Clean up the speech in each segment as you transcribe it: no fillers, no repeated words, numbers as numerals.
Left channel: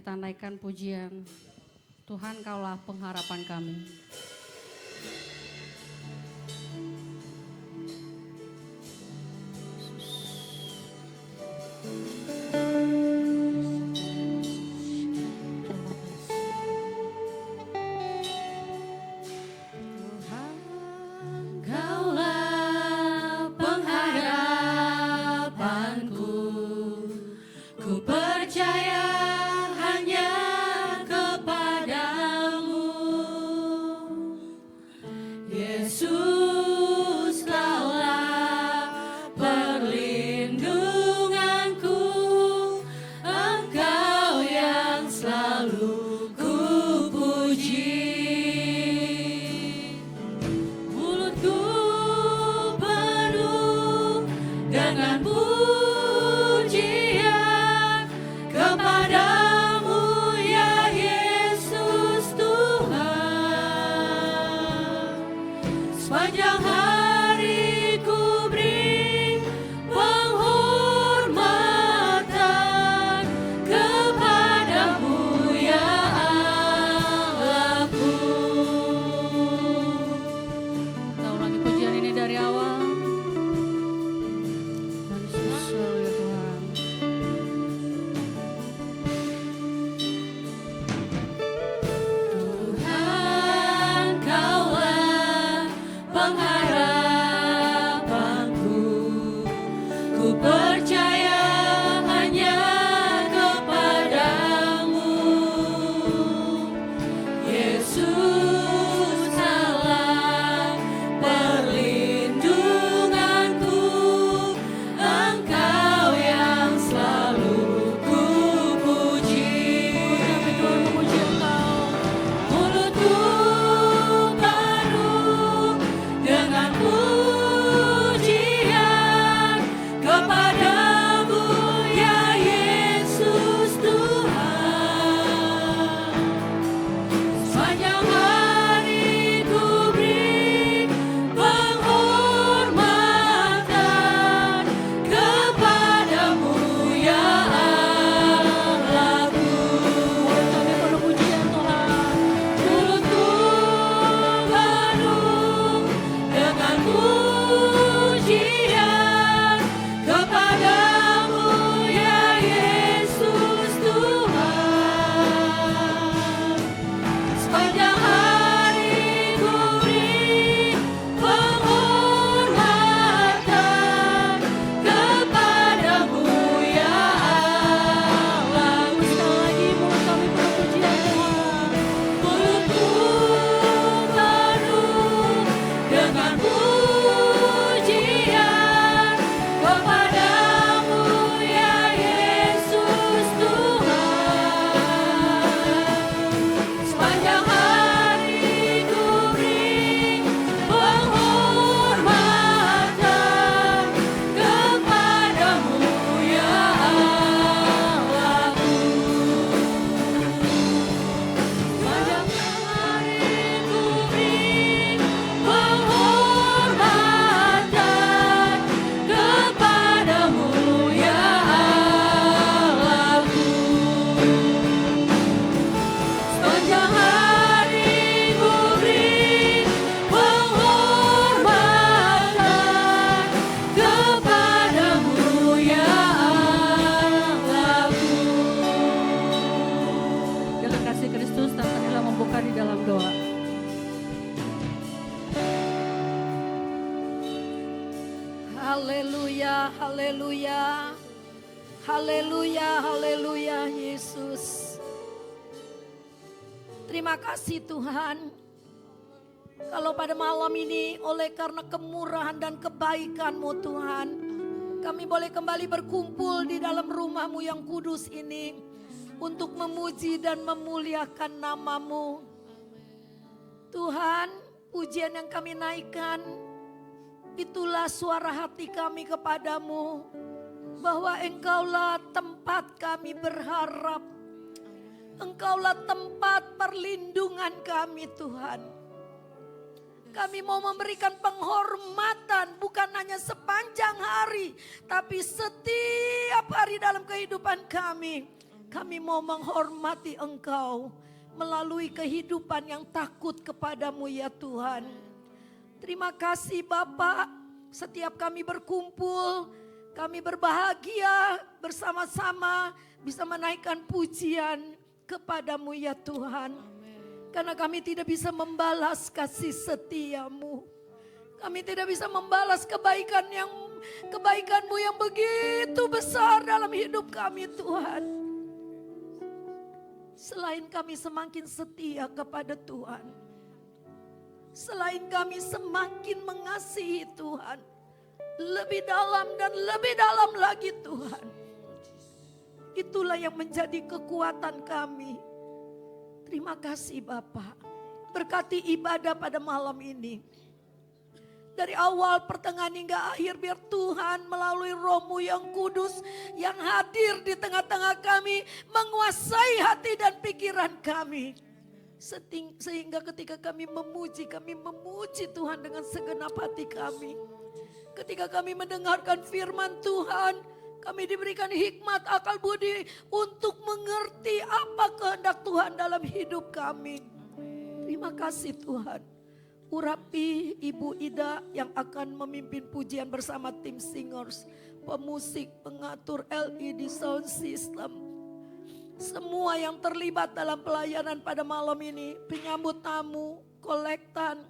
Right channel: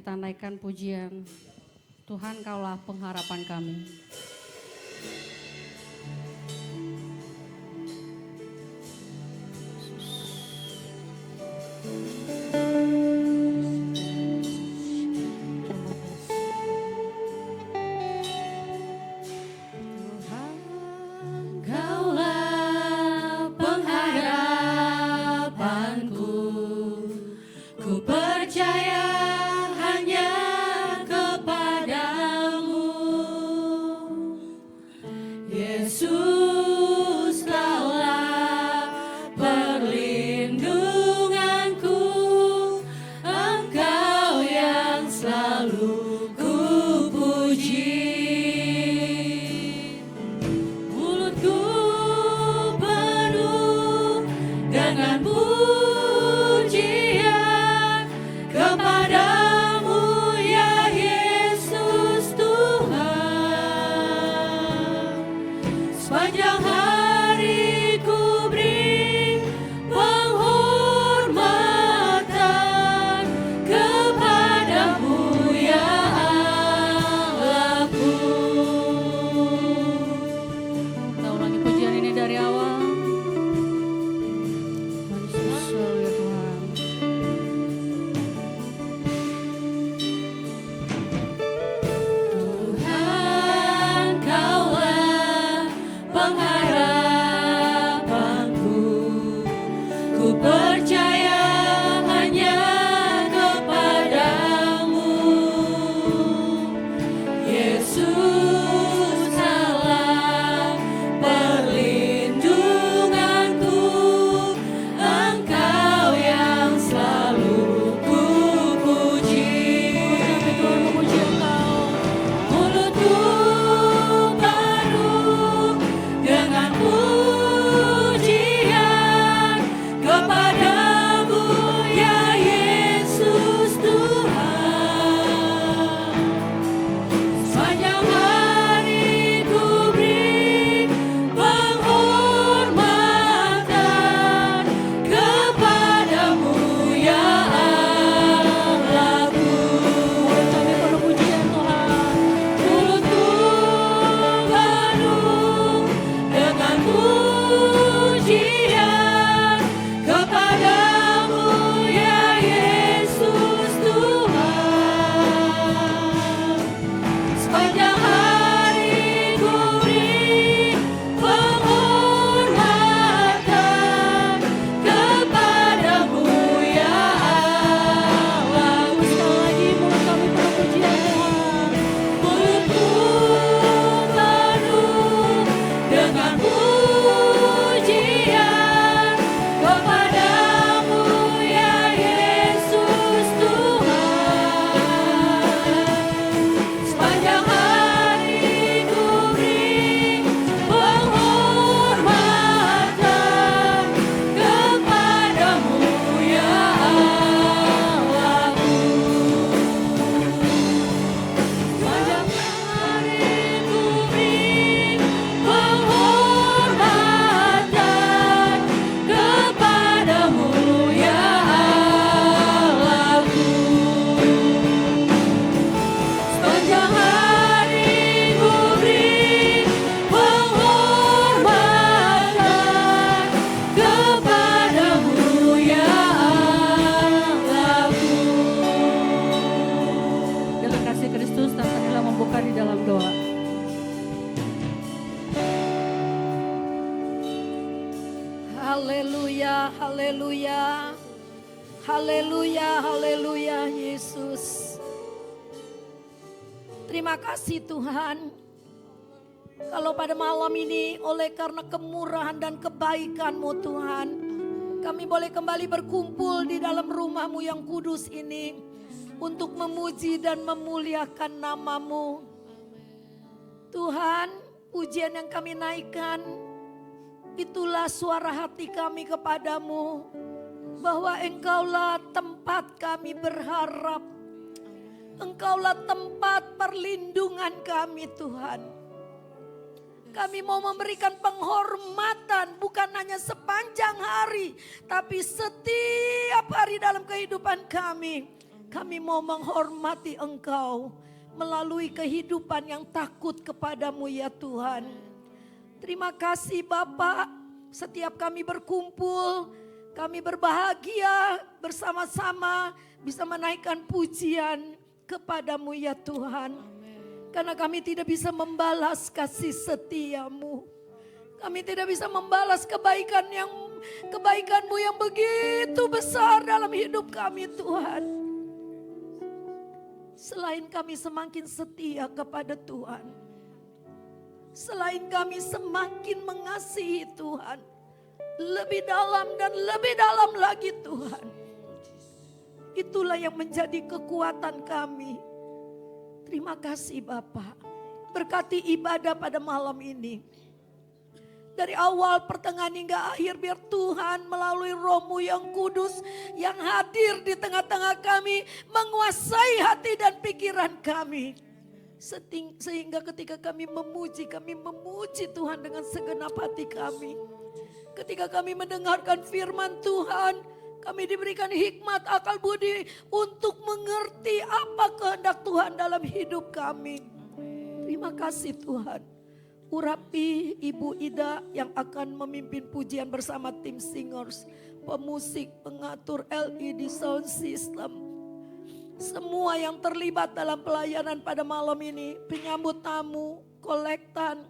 Kita naikkan pujian, Tuhan Kaulah pengharapan kami. Terima kasih Tuhan. Kalau pada malam ini oleh karena kemurahan dan kebaikan-Mu Tuhan, kami boleh kembali berkumpul di dalam rumah-Mu yang kudus ini untuk memuji dan memuliakan nama-Mu. Tuhan, pujian yang kami naikkan, itulah suara hati kami kepadamu, bahwa Engkaulah tempat kami berharap. Engkaulah tempat perlindungan kami Tuhan. Kami mau memberikan penghormatan bukan hanya sepanjang hari, tapi setiap hari dalam kehidupan kami. Kami mau menghormati Engkau melalui kehidupan yang takut kepadamu ya Tuhan. Terima kasih Bapa, setiap kami berkumpul, kami berbahagia bersama-sama bisa menaikkan pujian kepadamu ya Tuhan. Karena kami tidak bisa membalas kasih setiamu. Kami tidak bisa membalas kebaikanmu yang begitu besar dalam hidup kami Tuhan. Selain kami semakin setia kepada Tuhan, selain kami semakin mengasihi Tuhan, lebih dalam dan lebih dalam lagi Tuhan. Itulah yang menjadi kekuatan kami. Terima kasih Bapa. Berkati ibadah pada malam ini. Dari awal, pertengahan hingga akhir, biar Tuhan melalui Roh-Mu yang kudus yang hadir di tengah-tengah kami menguasai hati dan pikiran kami. Sehingga ketika kami memuji Tuhan dengan segenap hati kami. Ketika kami mendengarkan firman Tuhan, kami diberikan hikmat, akal budi untuk mengerti apa kehendak Tuhan dalam hidup kami. Terima kasih Tuhan. Urapi Ibu Ida yang akan memimpin pujian bersama tim singers, pemusik, pengatur LED sound system. Semua yang terlibat dalam pelayanan pada malam ini, penyambut tamu, kolektan,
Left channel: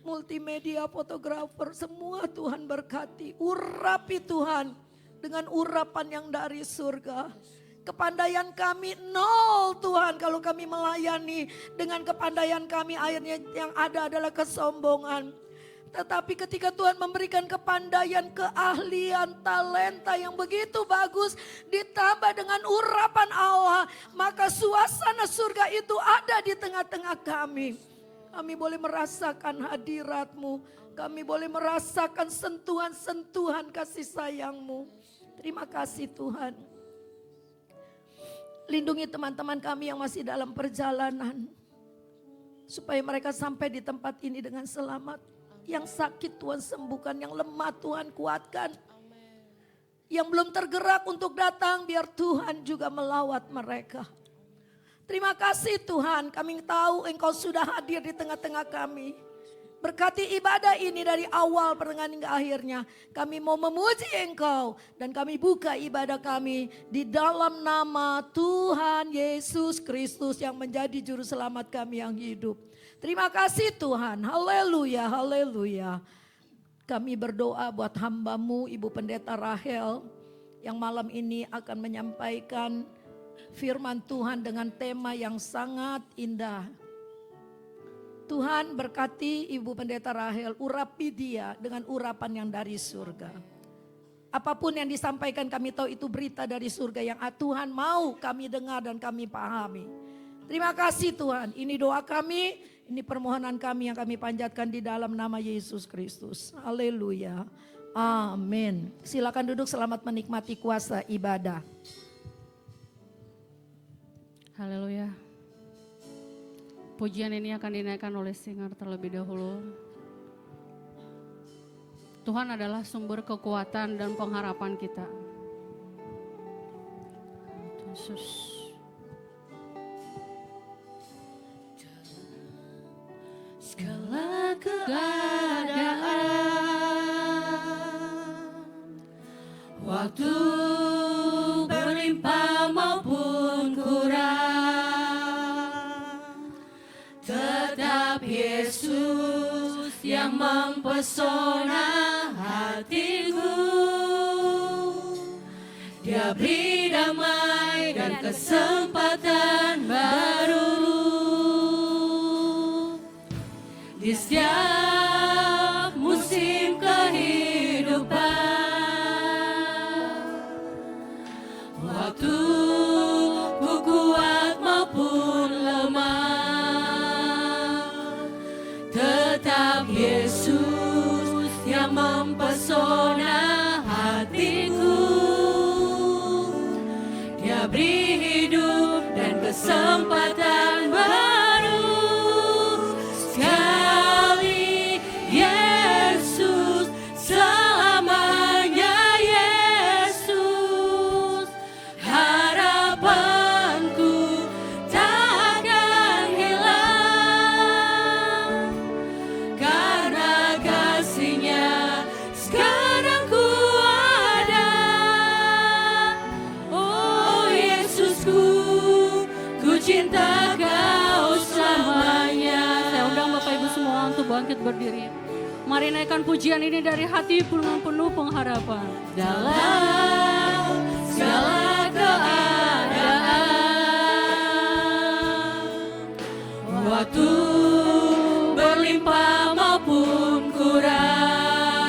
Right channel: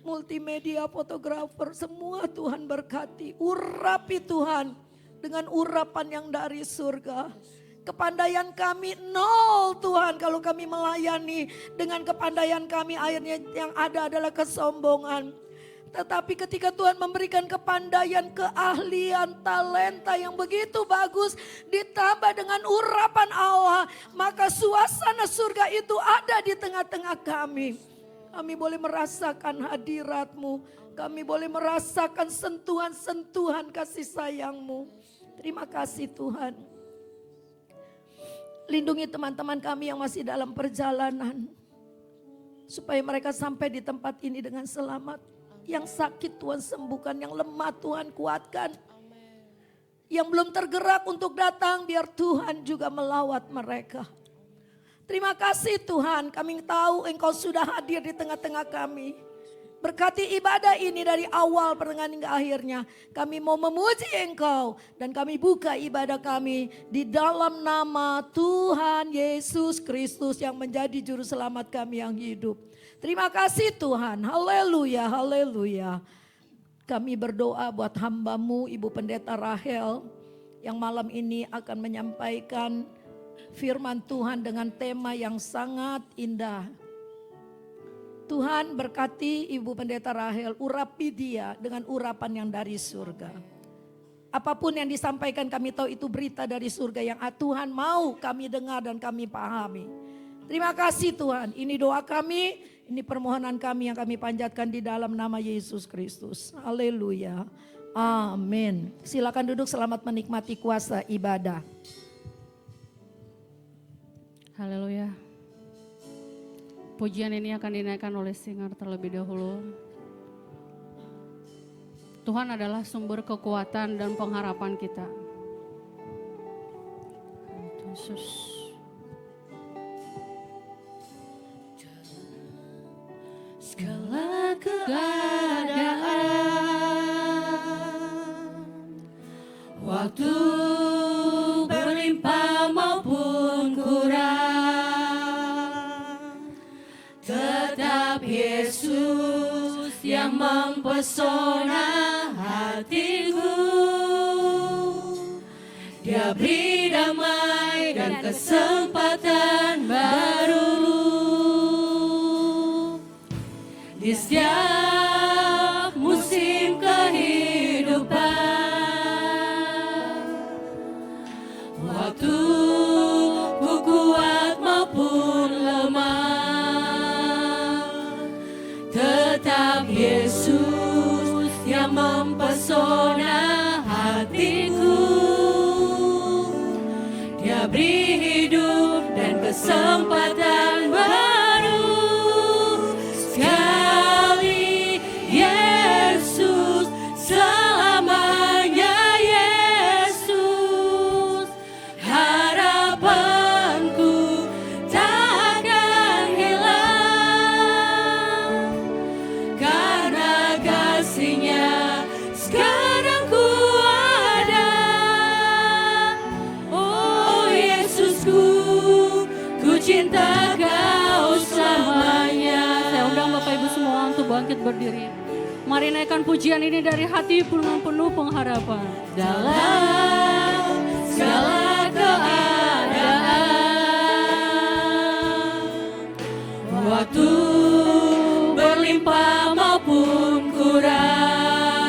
multimedia, fotografer, semua Tuhan berkati. Urapi Tuhan dengan urapan yang dari surga. Kepandaian kami nol Tuhan kalau kami melayani dengan kepandaian kami, akhirnya yang ada adalah kesombongan. Tetapi ketika Tuhan memberikan kepandaian, keahlian, talenta yang begitu bagus ditambah dengan urapan Allah, maka suasana surga itu ada di tengah-tengah kami. Kami boleh merasakan hadirat-Mu, kami boleh merasakan sentuhan-sentuhan kasih sayang-Mu. Terima kasih Tuhan. Lindungi teman-teman kami yang masih dalam perjalanan, supaya mereka sampai di tempat ini dengan selamat. Yang sakit Tuhan sembuhkan, yang lemah Tuhan kuatkan. Yang belum tergerak untuk datang, biar Tuhan juga melawat mereka. Terima kasih Tuhan, kami tahu Engkau sudah hadir di tengah-tengah kami. Berkati ibadah ini dari awal pertengahan hingga akhirnya. Kami mau memuji Engkau dan kami buka ibadah kami di dalam nama Tuhan Yesus Kristus yang menjadi juru selamat kami yang hidup. Terima kasih Tuhan, haleluya, haleluya. Kami berdoa buat hamba-Mu Ibu Pendeta Rahel yang malam ini akan menyampaikan firman Tuhan dengan tema yang sangat indah. Tuhan berkati Ibu Pendeta Rahel, urapi dia dengan urapan yang dari surga. Apapun yang disampaikan kami tahu itu berita dari surga yang Tuhan mau kami dengar dan kami pahami. Terima kasih Tuhan, ini doa kami, ini permohonan kami yang kami panjatkan di dalam nama Yesus Kristus. Haleluya, amin. Silakan duduk, selamat menikmati kuasa ibadah. Haleluya. Pujian ini akan dinaikkan oleh singer terlebih dahulu. Tuhan adalah sumber kekuatan dan pengharapan kita. Yesus. Segala keadaan, waktu berlimpah maupun kurang, tetap Yesus yang mempesona hatiku. Dia beri damai dan kesempatan baru di setiap musim kehidupan. Waktu ku kuat maupun lemah, tetap Yesus yang mempesona hatiku. Dia beri hidup dan kesempatan baru. Sekali Yesus, selamanya Yesus, harapan cinta Kau selamanya. Saya undang Bapak Ibu semua untuk bangkit berdiri. Mari naikkan pujian ini dari hati dengan penuh pengharapan. Dalam segala keadaan, waktu berlimpah maupun kurang,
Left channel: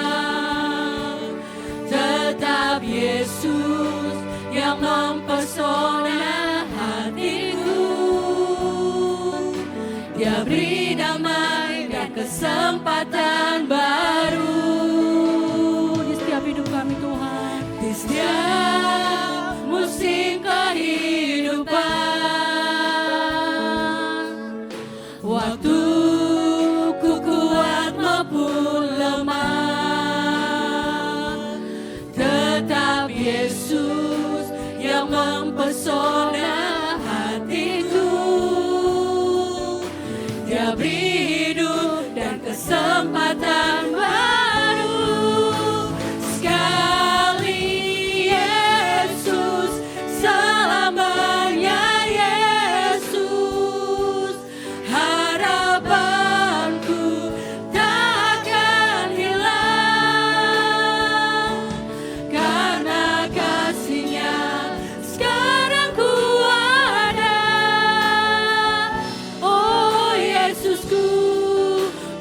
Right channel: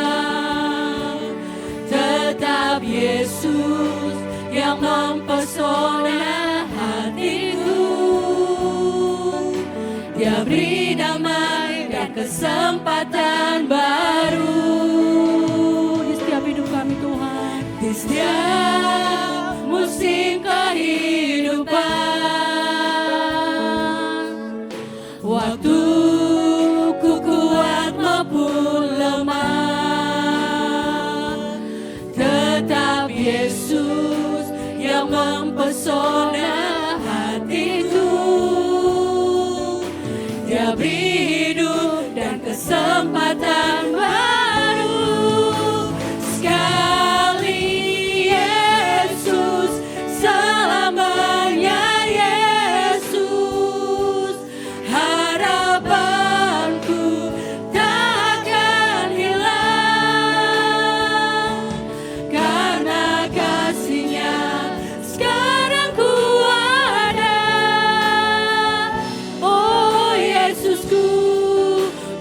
tetap Yesus yang mempesona hatiku. Dia beri damai dan kesempatan baru Di setiap hidup kami Tuhan. di setiap musim kehidupan. Waktu ku kuat maupun lemah, tetap Yesus yang mempesona hatiku. Dia beri hidup dan kesempatan baru. Sekali Yesus, selamanya Yesus. Harapanku takkan hilang, karena kasih-Nya sekarang ku ada. Oh Yesusku,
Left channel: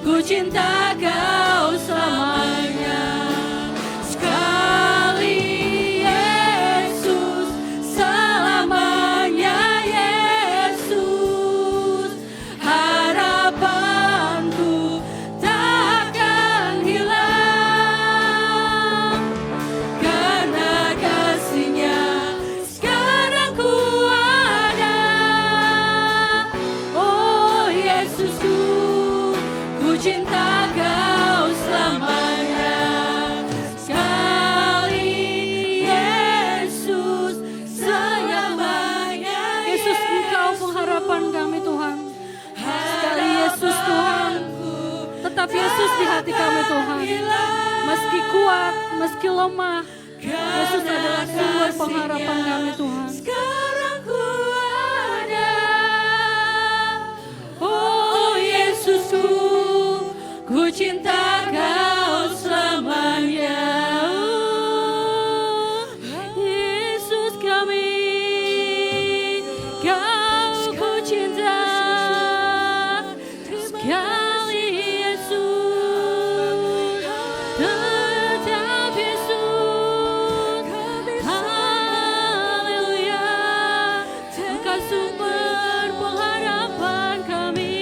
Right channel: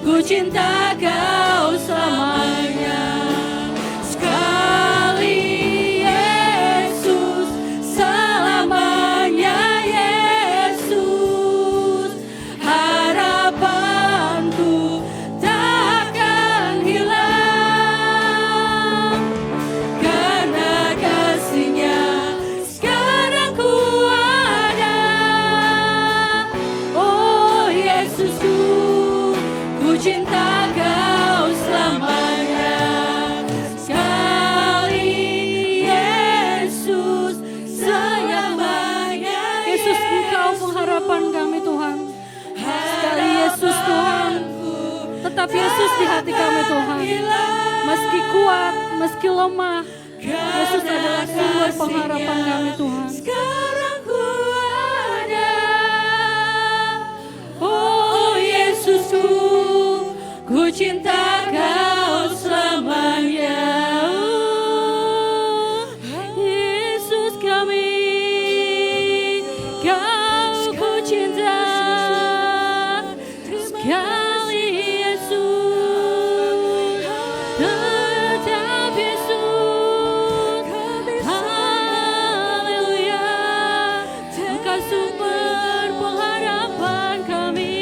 ku cinta Kau selamanya. Sekali Yesus, selamanya Yesus. Harapanku takkan hilang, karena kasih-Nya sekarang ku ada. Oh Yesusku, ku cinta Kau selamanya. Sekali Yesus, selamanya Yesus, Engkau pengharapan kami Tuhan. Sekali Yesus Tuhan, tetap Yesus di hati kami Tuhan. Meski kuat, meski lemah, Yesus adalah sumber pengharapan kami Tuhan. sekarang ku ada. Oh Yesusku, ku cinta Kau selamanya. Yesus kami, Kau ku cinta. Sekali Yesus, tetap Yesus. Haleluya, Engkau sumber pengharapan kami.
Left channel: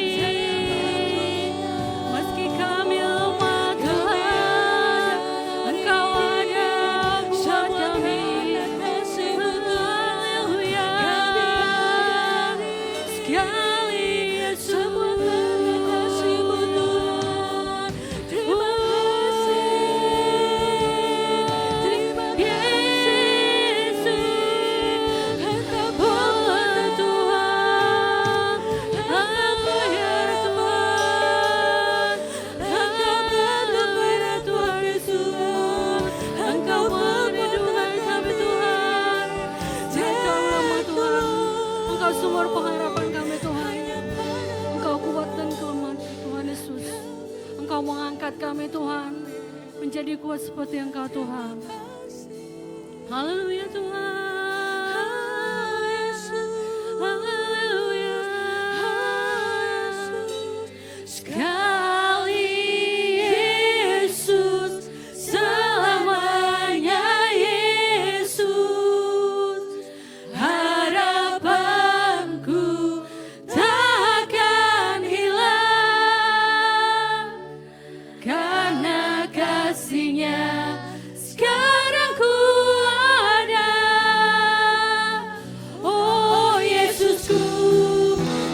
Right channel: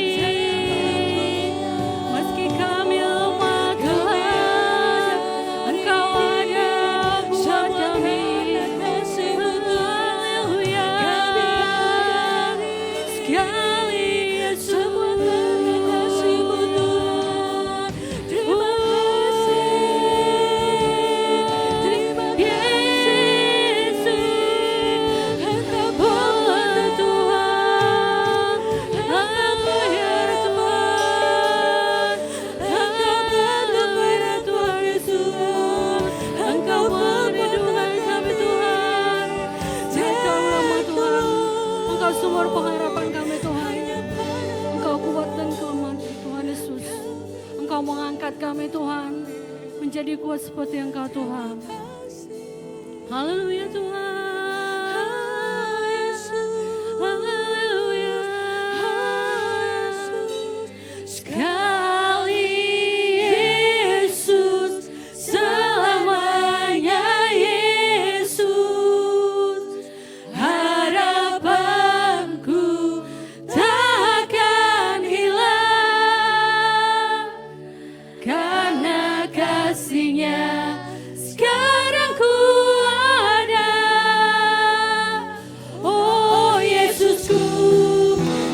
Meski kami lemah Tuhan, Engkau ada buat kami. Haleluya, sekali Yesus. Kami Tuhan menjadi kuat seperti Engkau Tuhan. Haleluya Tuhan. Haleluya. Sekali Yesus, selamanya Yesus. Harapanku takkan hilang, karena kasih-Nya sekarang ku ada. Oh Yesusku,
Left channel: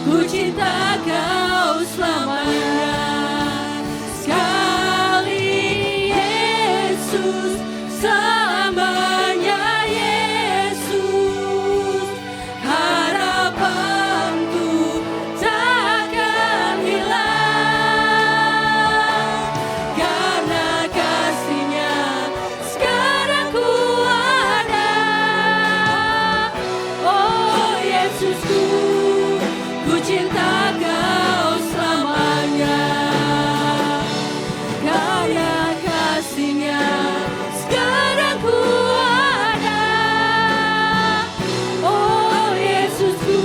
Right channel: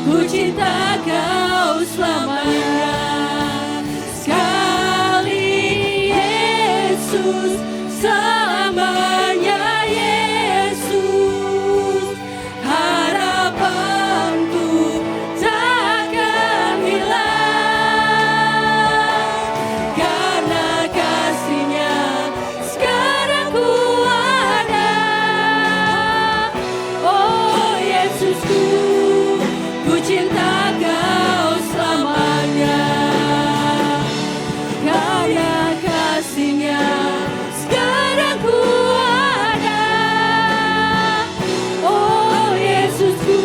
ku cinta Kau selamanya. Sekali Yesus, selamanya Yesus. Harapanku takkan hilang, karena kasih-Nya sekarang ku ada. Oh Yesusku, ku cinta Kau selamanya. Karena kasih-Nya sekarang ku ada. Oh Yesusku,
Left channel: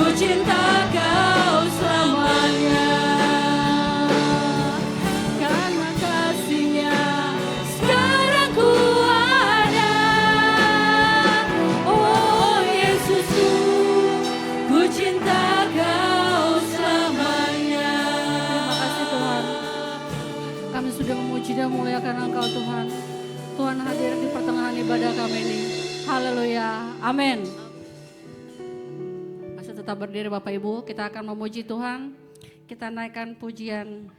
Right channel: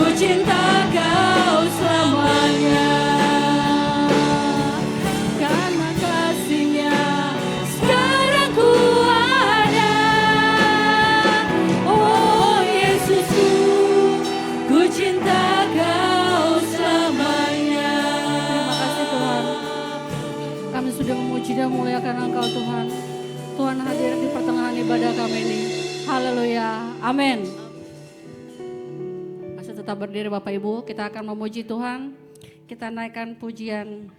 ku cinta Kau selamanya. Karena kasih-Nya sekarang ku ada. Oh Yesusku, ku cinta Kau selamanya. Terima kasih Tuhan. Kami sudah memuji dan memuliakan Engkau Tuhan. Tuhan hadir di pertengahan ibadah kami ini. Haleluya. Amin. Masih tetap berdiri Bapak Ibu. Kita akan memuji Tuhan. Kita naikkan pujian.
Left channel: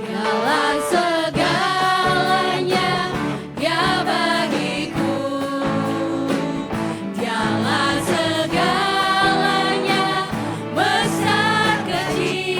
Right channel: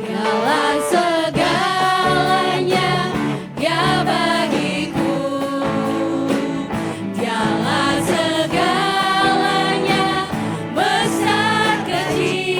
Dialah segalanya ya bagiku. Dialah segalanya besar kecil.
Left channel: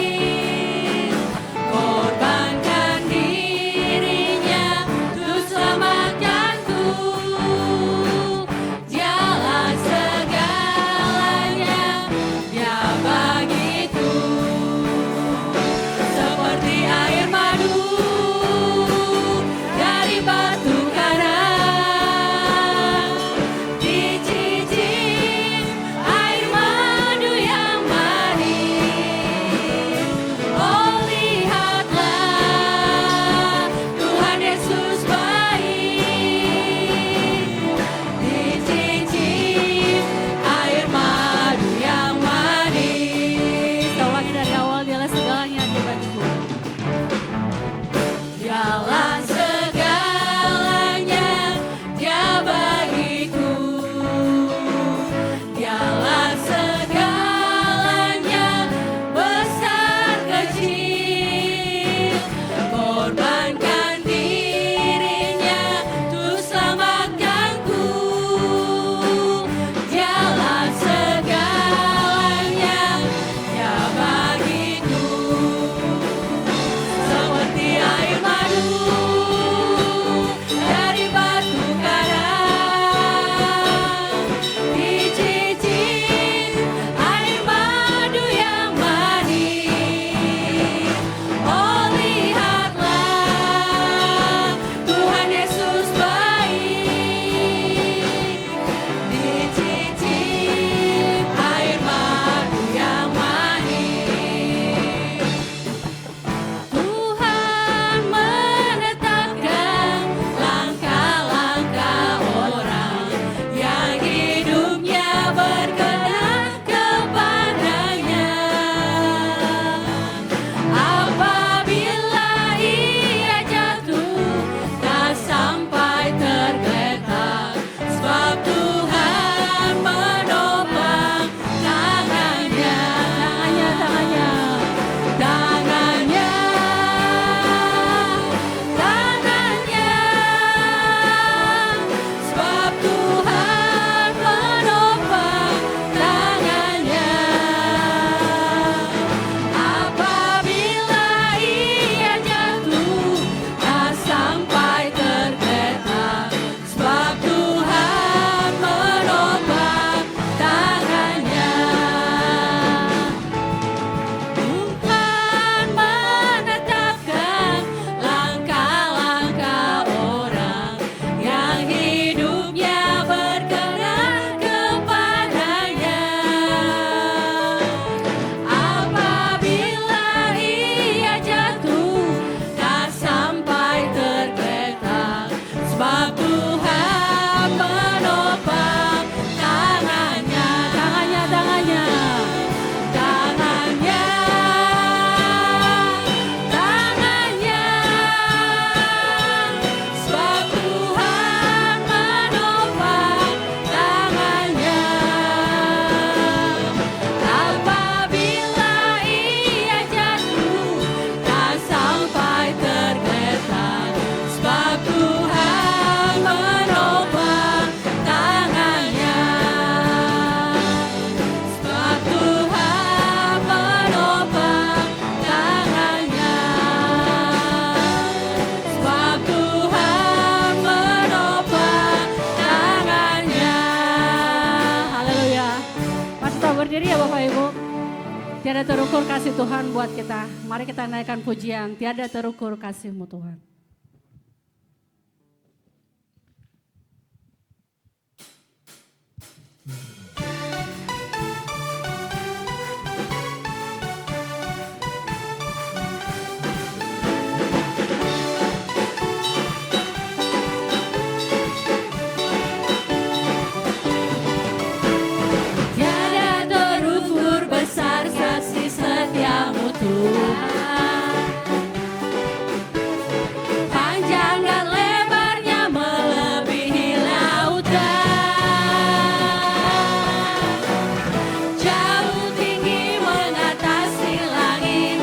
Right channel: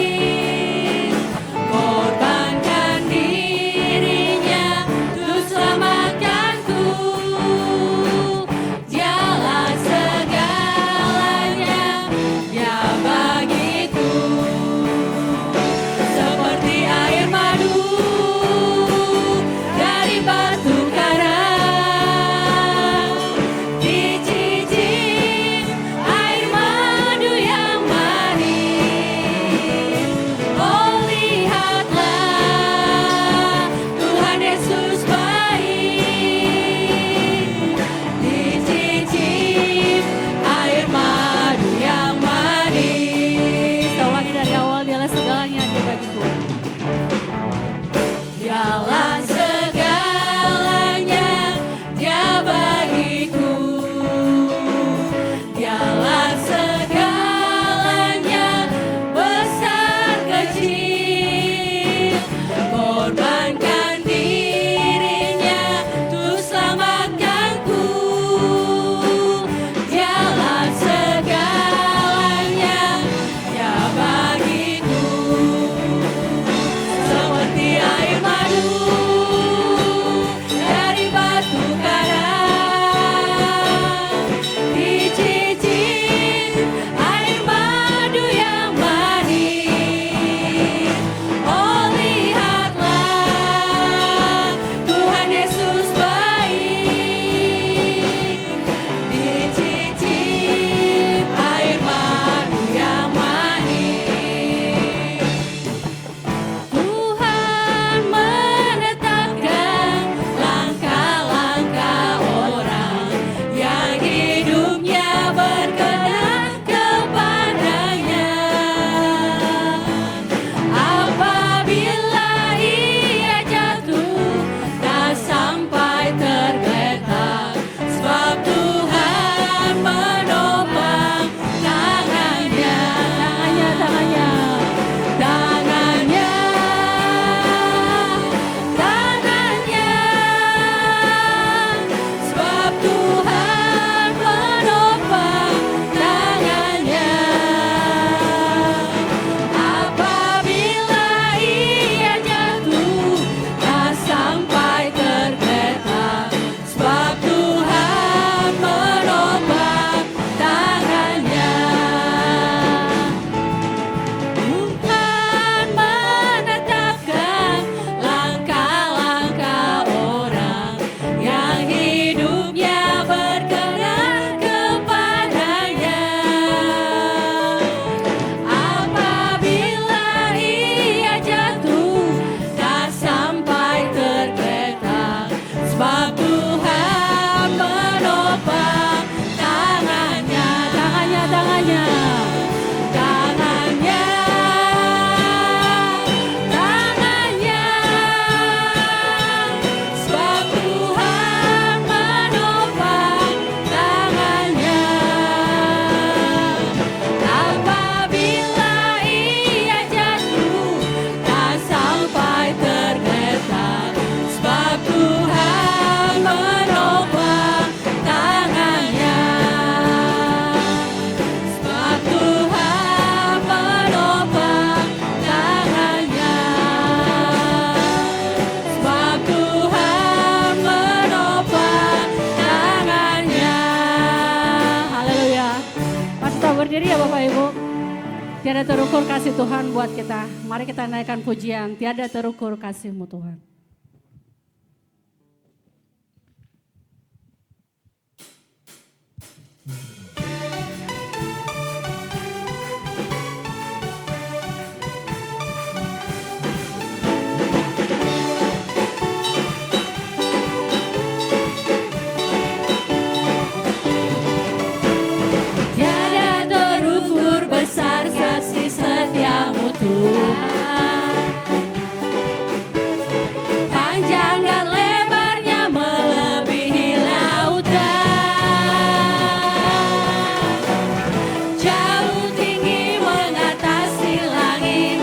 Tiada terukur kasih Tuhan buat kita. Mari kita naikkan pujian. Tiada terukur kasih-Mu Tuhan. Tiada terukur besar kasih setiamu Tuhan. Panjang dan lebarnya melebihi lautan. Jauh tinggi mengatasi langit,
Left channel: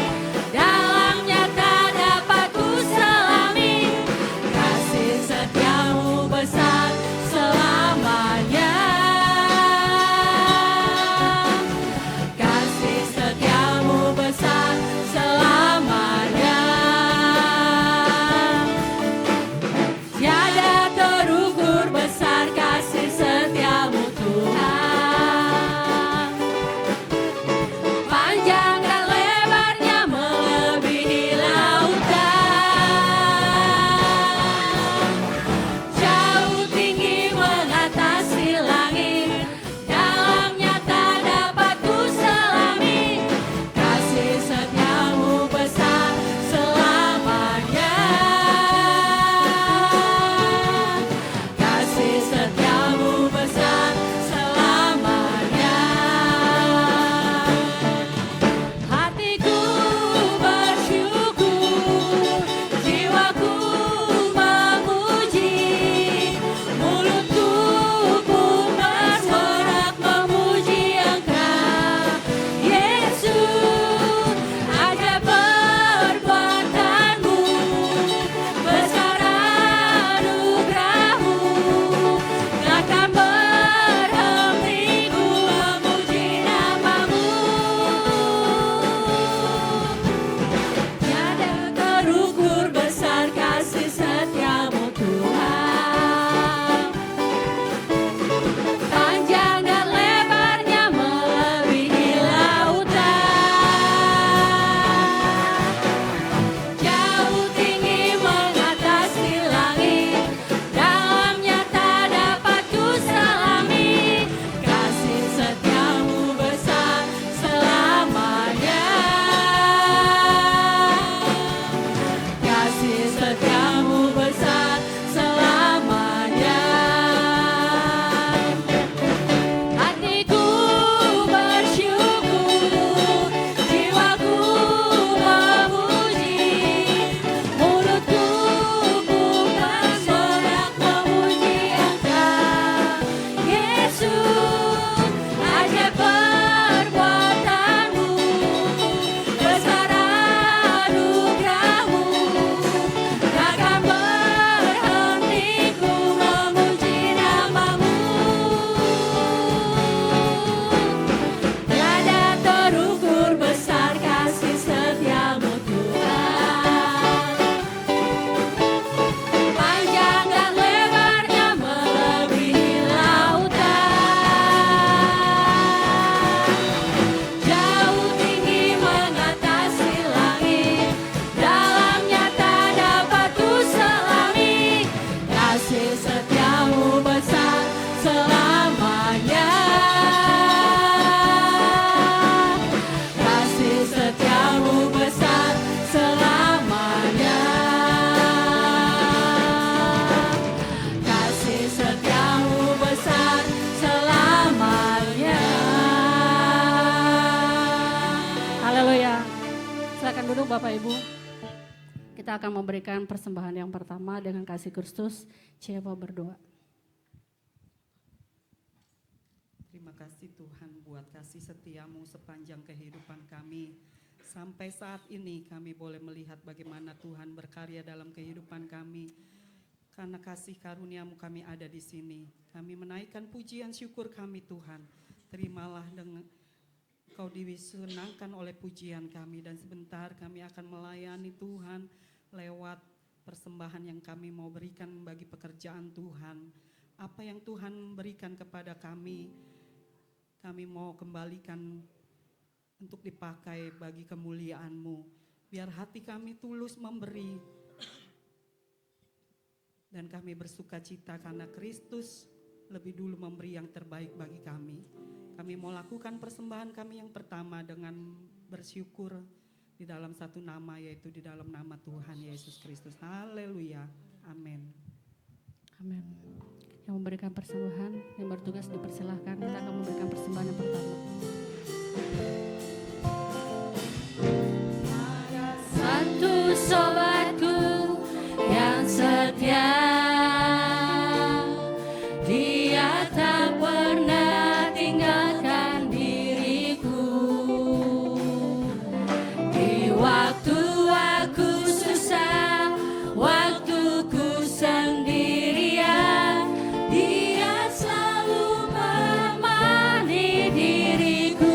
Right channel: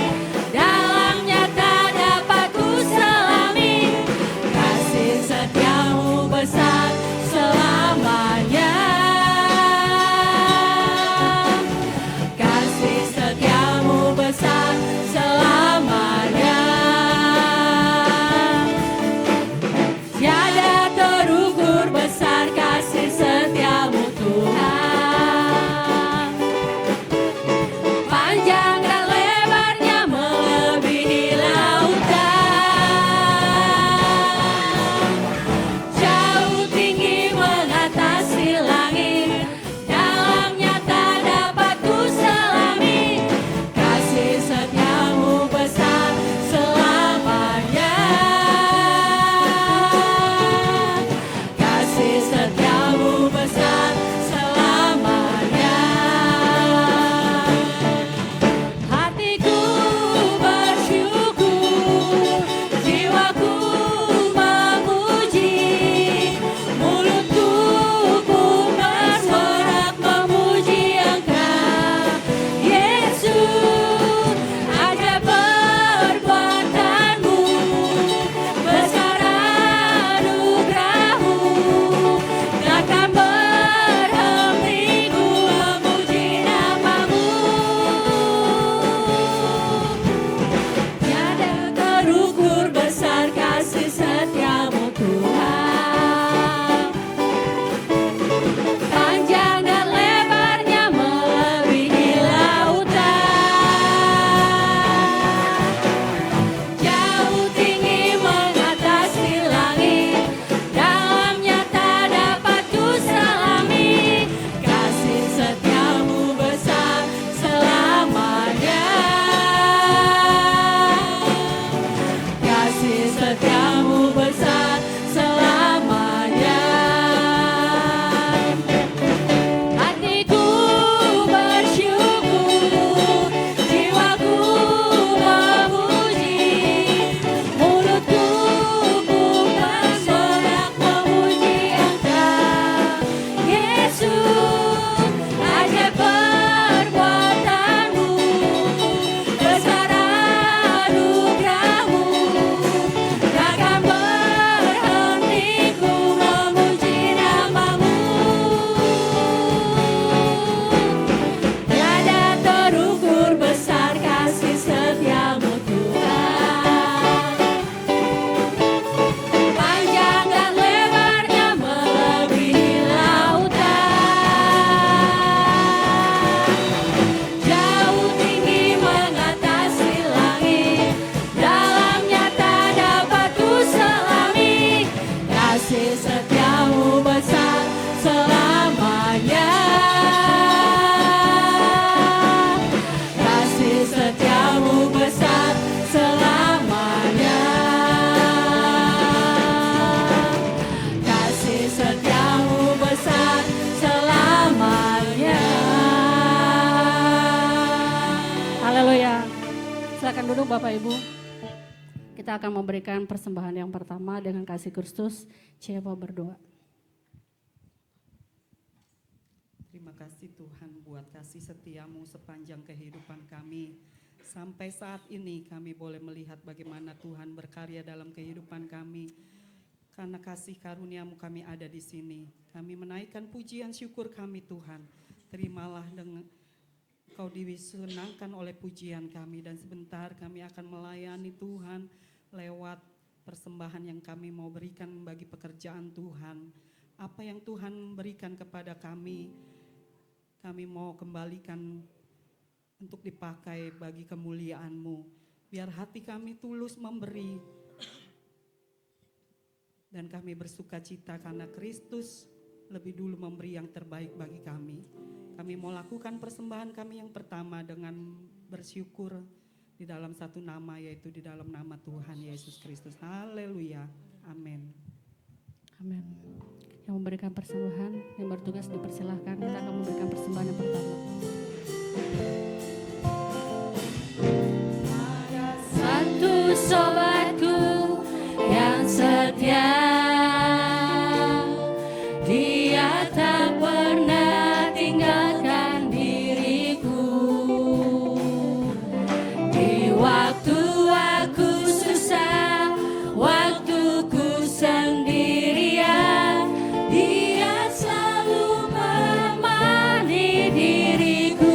dalamnya tak dapat ku selami. Kasih setiamu besar selamanya. Kasih setiamu besar selamanya. Tiada terukur besar kasih setiamu Tuhan. Panjang dan lebarnya melebihi lautan. Jauh tinggi mengatasi langit, dalamnya tak dapat ku selami. Kasih setiamu besar selamanya. Kasih setiamu besar selamanya. Hatiku bersyukur, jiwaku memuji, mulutku pun bersorak memuji Engkau, Yesus. Ajaib perbuatanmu, besar anugerahmu, takkan berhenti ku memuji namamu. Tiada terukur besar kasih setiamu Tuhan. Panjang dan lebarnya melebihi lautan. Jauh tinggi mengatasi langit, dalamnya tak dapat ku selami. Kasih setiamu besar selamanya. Kasih setiamu besar selamanya. Hatiku bersyukur, jiwaku memuji, mulutku pun bersorak memuji Engkau, Yesus. Ajaib perbuatanmu, besar anugerahmu, takkan berhenti ku memuji namamu. Tiada terukur besar kasih setiamu Tuhan. Panjang dan lebarnya melebihi lautan. Jauh tinggi mengatasi langit, dalamnya tak dapat ku selami. Kasih setiamu besar selamanya. Kasih setiamu besar selamanya. Kasih setiamu besar selamanya. Haleluya. Silakan duduk Bapak Ibu. Kita akan memberikan persembahan yang pertama dengan kasih Kristus. Siapa berdoa? Terima kasih Tuhan buat kasih setiamu sepanjang kehidupan kami. Sampai saat ini kami boleh melihat bagaimana Tuhan berkarya dalam kehidupan kami. Karena kasih karuniamu kami ada di sini. Kami menaikkan pujian syukur kami Tuhan. Terimalah dengan Kau disenangkan oleh pujian kami. Dan sebentar kami akan melayani Tuhan lewat persembahan yang kami mau berikan bagi pekerjaan Tuhan. Apa yang Tuhan berikan kepada kami mau kembalikan untuk dipakai bagi kemuliaan-Mu. Biar hati kami tulus memberi dan kami bersuka cita karena Kristus lebih dulu memberi yang terbaik bagi kami. Kami mau lakukan persembahan kami yang pertama dengan bersyukur di dalam satu nama, yaitu di dalam nama Tuhan Yesus Kristus. Haleluya. Amin. Amin. Yang memberikan persembahan, yang bertugas dipersilahkan. Kita akan memberikan persembahan yang pertama. Satu sobatku yang setia, dia tak pernah tinggalkan diriku. Di waktu aku susah, waktuku sendirian, dia selalu menemani diriku.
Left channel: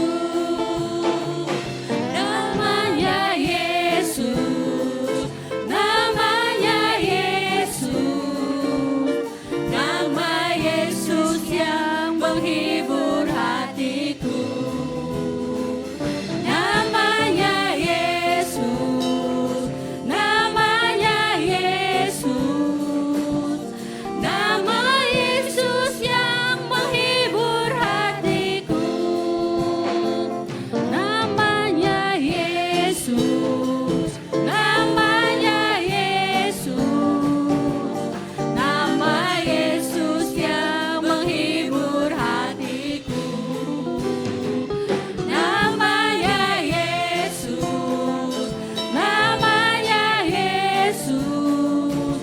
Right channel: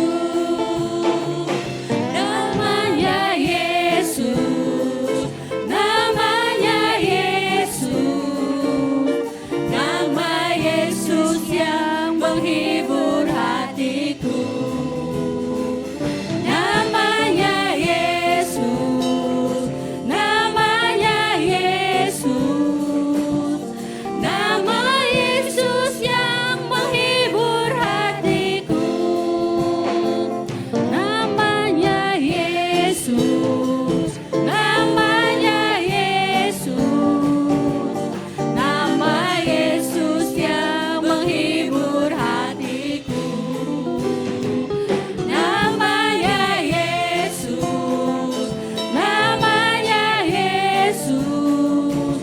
Namanya Yesus, namanya Yesus, nama Yesus yang menghibur hatiku. Namanya Yesus, namanya Yesus, nama Yesus yang menghibur hatiku. Namanya Yesus, namanya Yesus, nama Yesus yang menghibur hatiku. Namanya Yesus, namanya Yesus,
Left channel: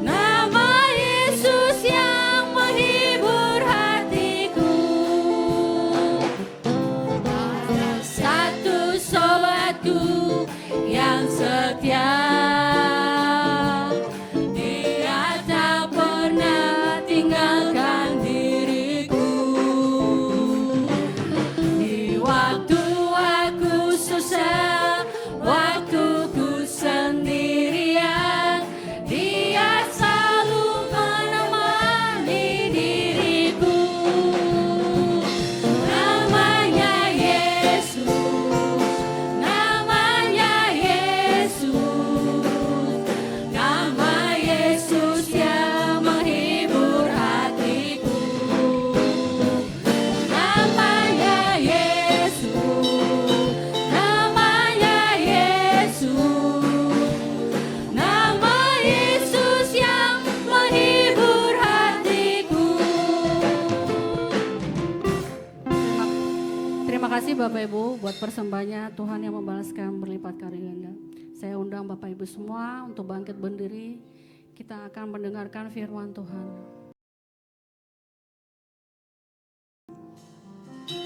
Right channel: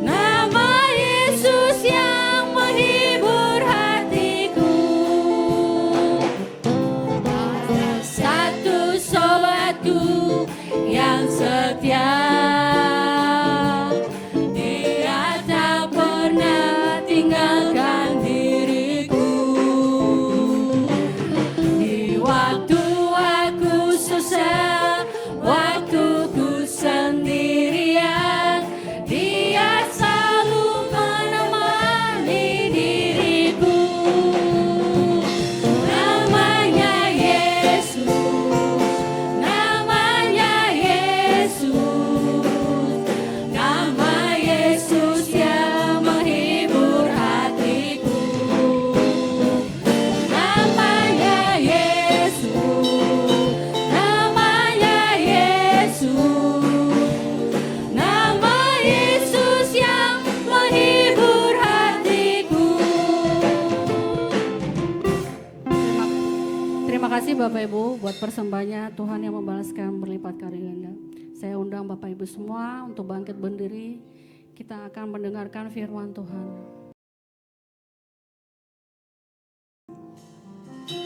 nama Yesus yang menghibur hatiku. Ada satu sobatku yang setia, dia tak pernah tinggalkan diriku. Di waktu aku susah, waktuku sendirian, dia selalu menemani diriku. Namanya Yesus, namanya Yesus, nama Yesus yang menghibur hatiku. Namanya Yesus, namanya Yesus, nama Yesus yang menghibur hatiku. Terima kasih Bapak Ibu buat persembahannya. Tuhan yang membalaskan berlipat karunia. Saya undang Bapak Ibu semua untuk bangkit berdiri. Kita akan mendengarkan firman Tuhan.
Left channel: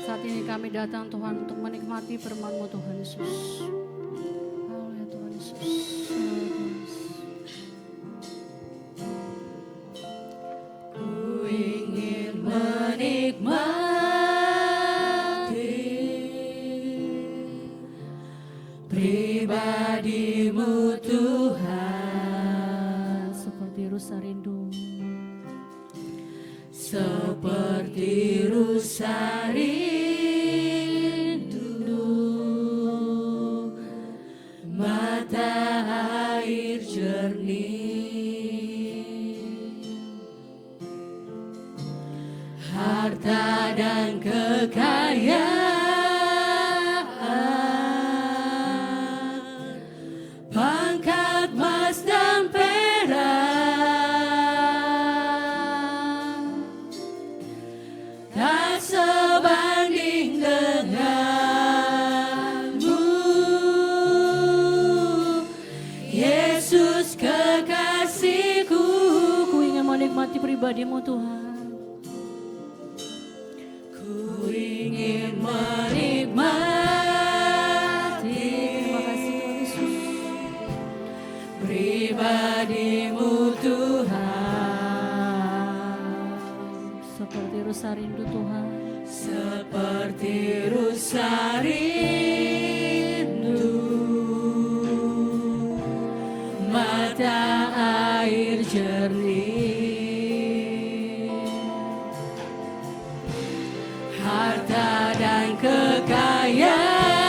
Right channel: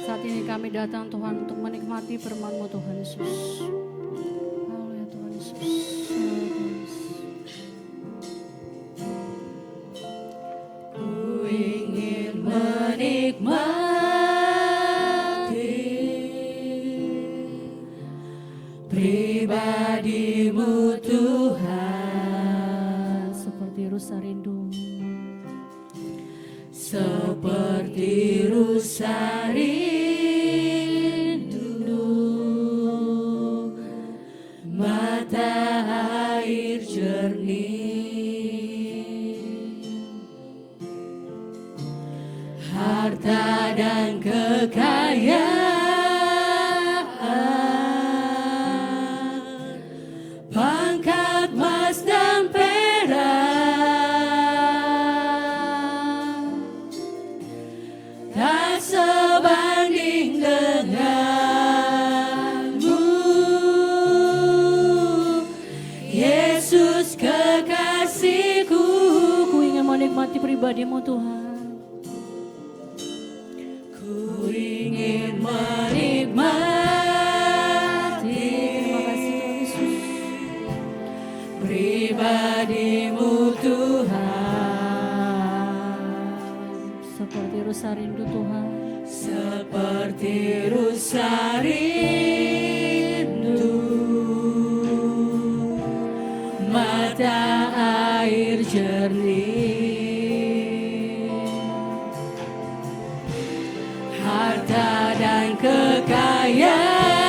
Saat ini kami datang Tuhan untuk menikmati firman-Mu Tuhan Yesus. Haleluya Tuhan Yesus. Haleluya Tuhan Yesus. Ku ingin menikmati pribadi-Mu Tuhan, seperti rusa rindu, seperti rusa rindu, mata air jernih, harta dan kekayaan, pangkat emas dan perak, tak sebanding denganmu, Yesus kekasihku. Ku ingin menikmati pribadi-Mu Tuhan. Ku ingin menikmati, terima kasih Tuhan Yesus, pribadi-Mu Tuhan, seperti rusa rindu Tuhan, seperti rusa rindu, mata air jernih, harta dan kekayaan,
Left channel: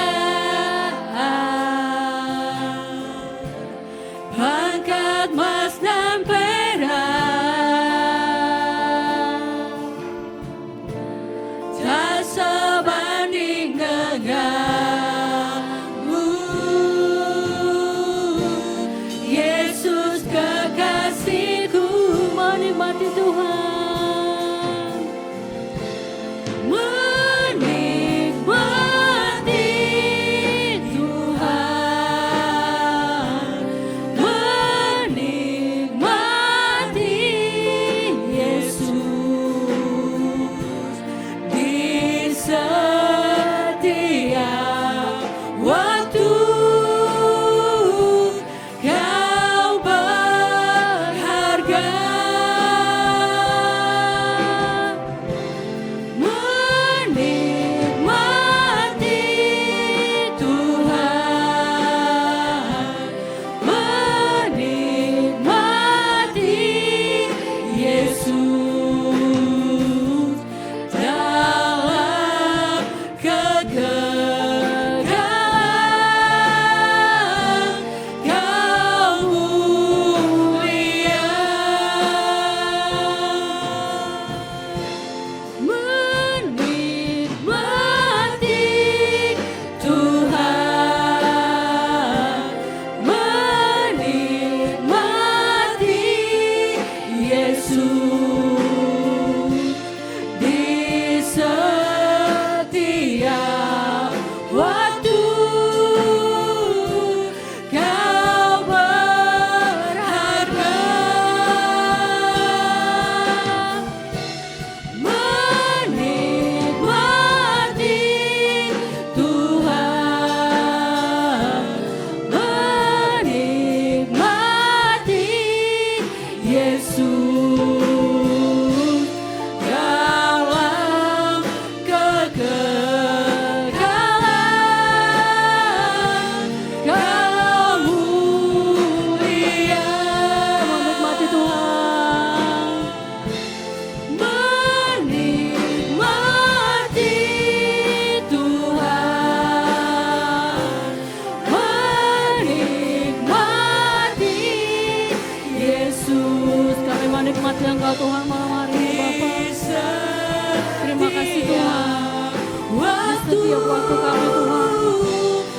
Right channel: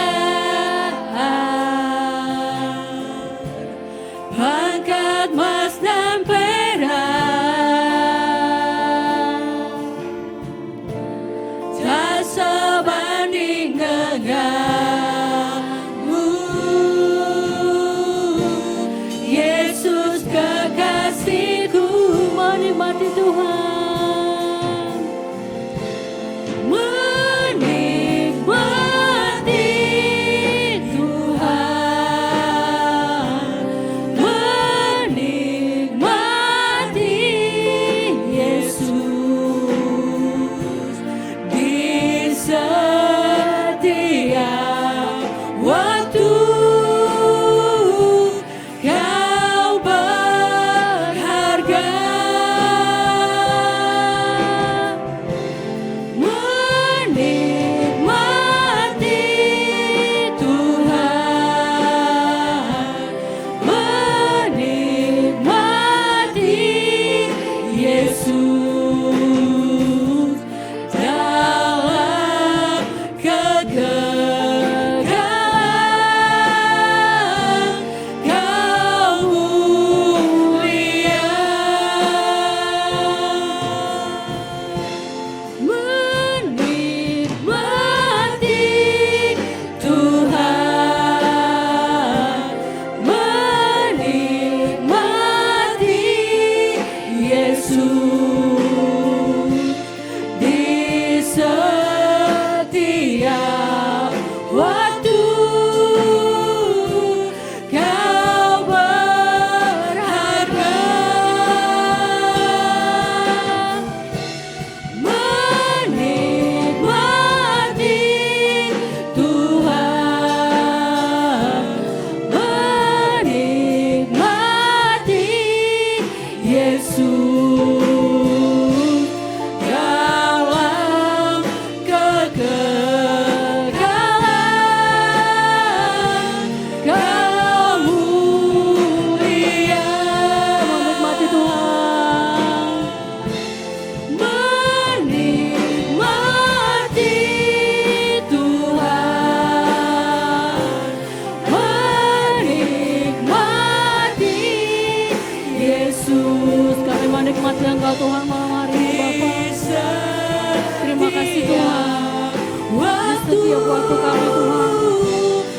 setiap waktu kami Tuhan.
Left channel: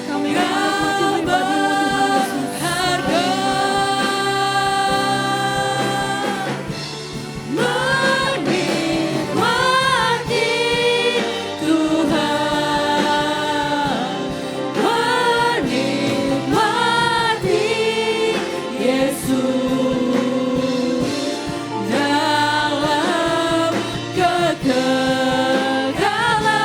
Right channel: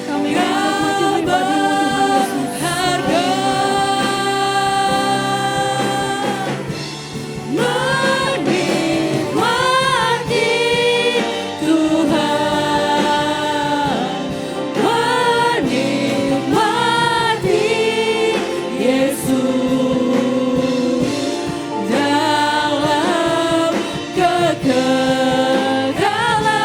Kami menikmati pribadi-Mu Tuhan Yesus. Menikmati Tuhan, menikmati Yesus dalam kegagalan kemuliaan, dalam kegagalan kemuliaan,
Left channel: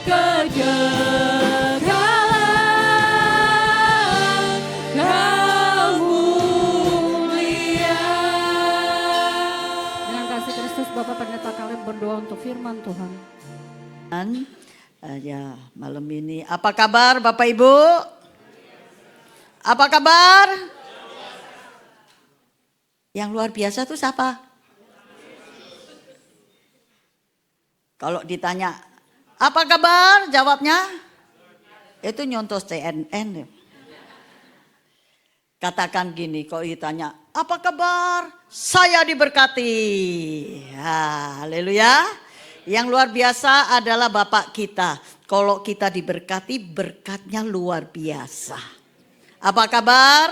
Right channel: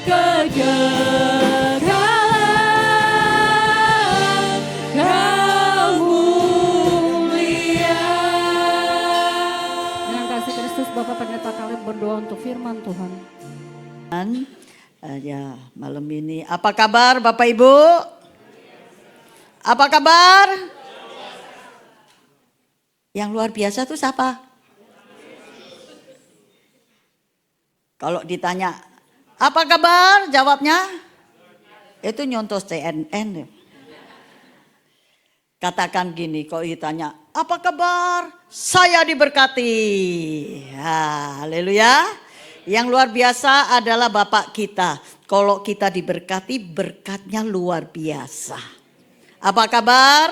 dalam kegagalan kemuliaan. Dengan kasih Kristus Bapak Pendeta kalian berdoa untuk firman Tuhan. Ya, malam ini apa kabar Bapak Ibu? Apa kabar? Yang luar biasa tuh siapa? Kalau ditanya apa kabar, jawabnya itu nyontos CNN. Katakan gini, kalau ditanya apa kabar, saya diberkati. Haleluya. Yang luar biasa adalah Bapak kita. Kalau kita diberkati, berkatnya luar biasa. Apa kabar?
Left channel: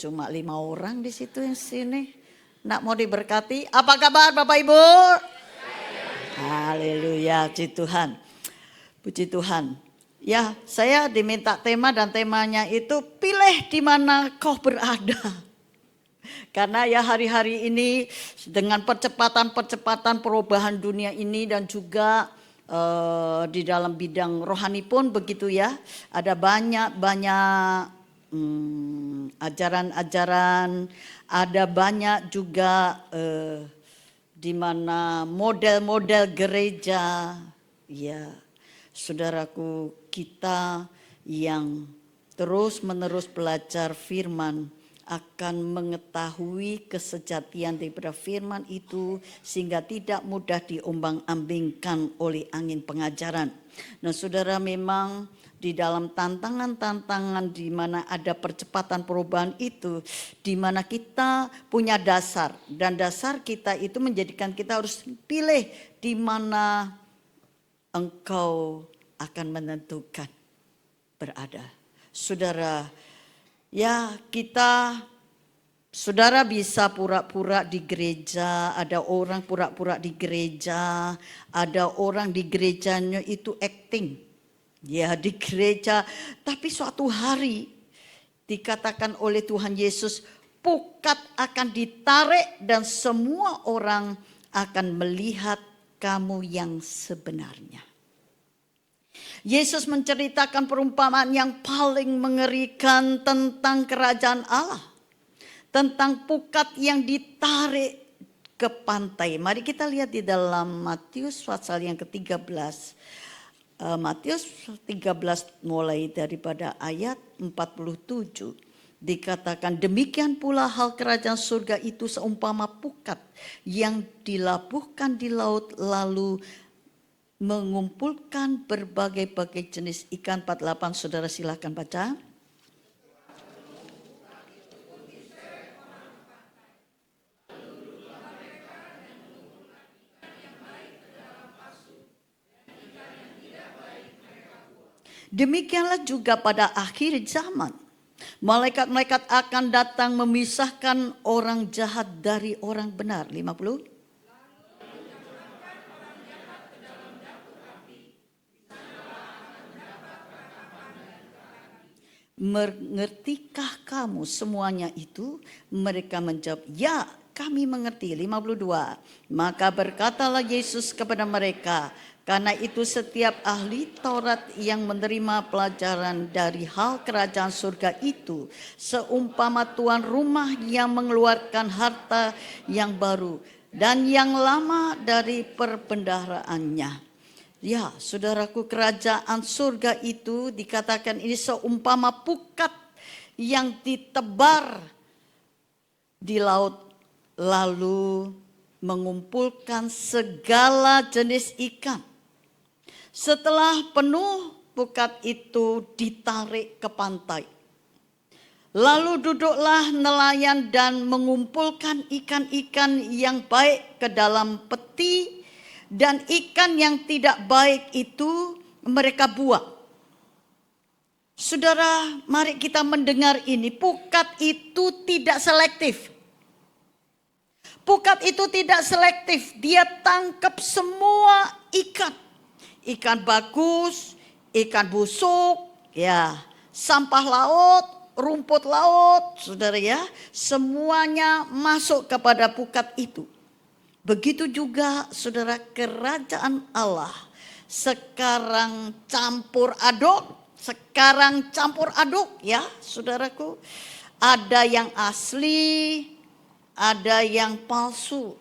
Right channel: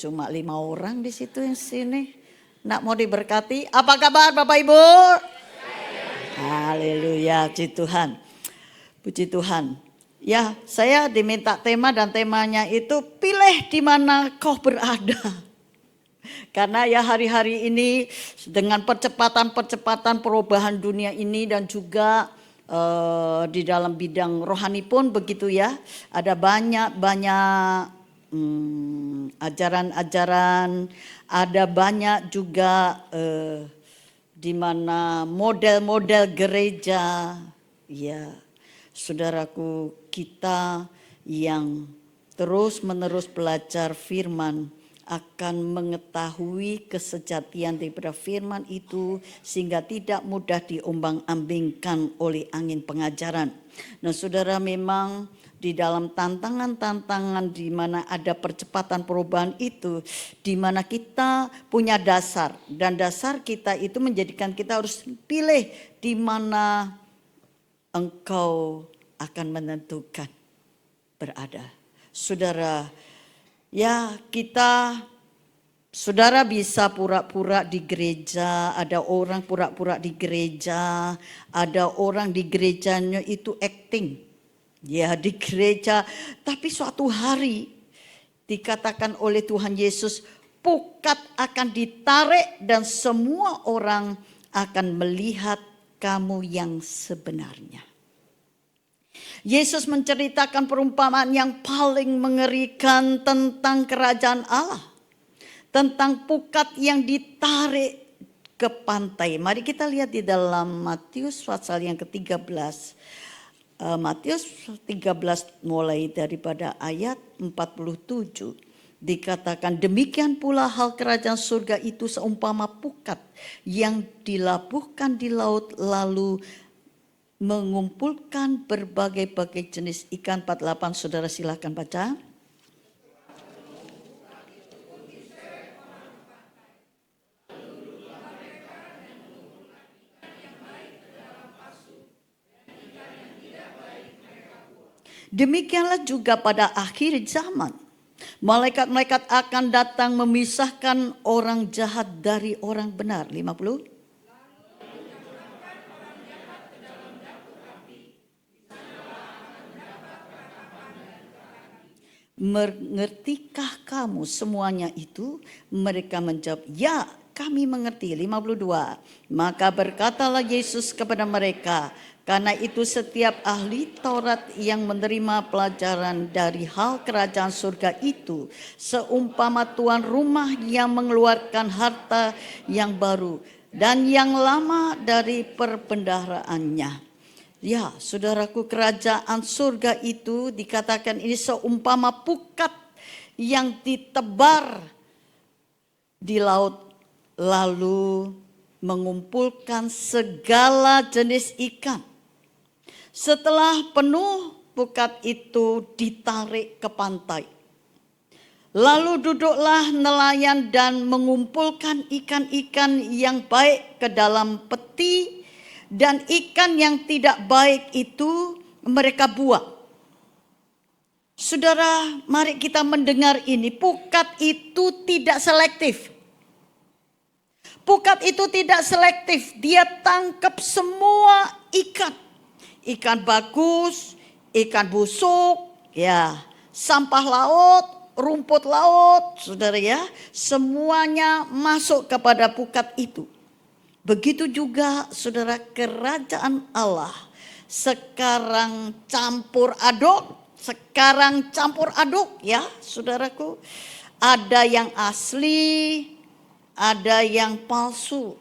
Cuma 5 orang di situ yang sini. Nak mau diberkati. Apa kabar Bapak Ibu? Haleluya, puji Tuhan. Puji Tuhan. Ya, saya diminta tema dan temanya itu pilih di mana kau berada. Karena ya hari-hari ini dengan percepatan perubahan dunia ini dan juga di dalam bidang rohani pun begitu ya. Ada banyak ajaran-ajaran, ada banyak juga di mana model-model gereja, ya saudaraku, kita yang terus-menerus belajar firman akan mengetahui kesejatian daripada firman itu sehingga tidak mudah diombang-ambingkan oleh angin pengajaran. Nah saudara, memang di dalam tantangan-tantangan di mana ada percepatan perubahan itu, di mana kita punya dasar, dan dasar kita itu menjadikan kita harus pilih di mana engkau akan menentukan berada. Saudara, ya saudara bisa pura-pura di gereja, ada orang pura-pura di gereja, ada orang di gerejanya itu acting. Ya di gereja, tapi suatu hari dikatakan oleh Tuhan Yesus, pukat akan ditarik dan semua orang akan melihat kamu yang sebenarnya. Yesus menceritakan perumpamaan yang paling mengerikan tentang kerajaan Allah. Tentang pukat yang ditarik ke pantai. Mari kita lihat di dalam Matius pasal yang ke-13. Matius 13 mulai daripada ayat 47. Dikatakan demikian pula hal kerajaan surga itu seumpama pukat yang dilabuhkan di laut lalu mengumpulkan berbagai-bagai jenis ikan. 48, saudara silakan baca. Demikianlah juga pada akhir zaman. Malaikat-malaikat akan datang memisahkan orang jahat dari orang benar. 50. Mengertikah kamu semuanya itu? Mereka menjawab, ya kami mengerti. 52. Maka berkatalah Yesus kepada mereka, karena itu setiap ahli Taurat yang menerima pelajaran dari hal kerajaan surga itu seumpama tuan rumah yang mengeluarkan harta yang baru dan yang lama dari perbendaharaannya. Ya, saudaraku, kerajaan surga itu dikatakan ini seumpama pukat yang ditebar di laut, lalu mengumpulkan segala jenis ikan. Setelah penuh, pukat itu ditarik ke pantai. Lalu duduklah nelayan dan mengumpulkan ikan-ikan yang baik ke dalam peti, dan ikan yang tidak baik itu mereka buang. Saudara, mari kita mendengar ini. Pukat itu tidak selektif. Pukat itu tidak selektif. Dia tangkap semua ikan. Ikan bagus, ikan busuk, ya, sampah laut, rumput laut, saudara ya. Semuanya masuk kepada pukat itu. Begitu juga saudara, kerajaan Allah sekarang campur aduk ya saudaraku. Ada yang asli, ada yang palsu.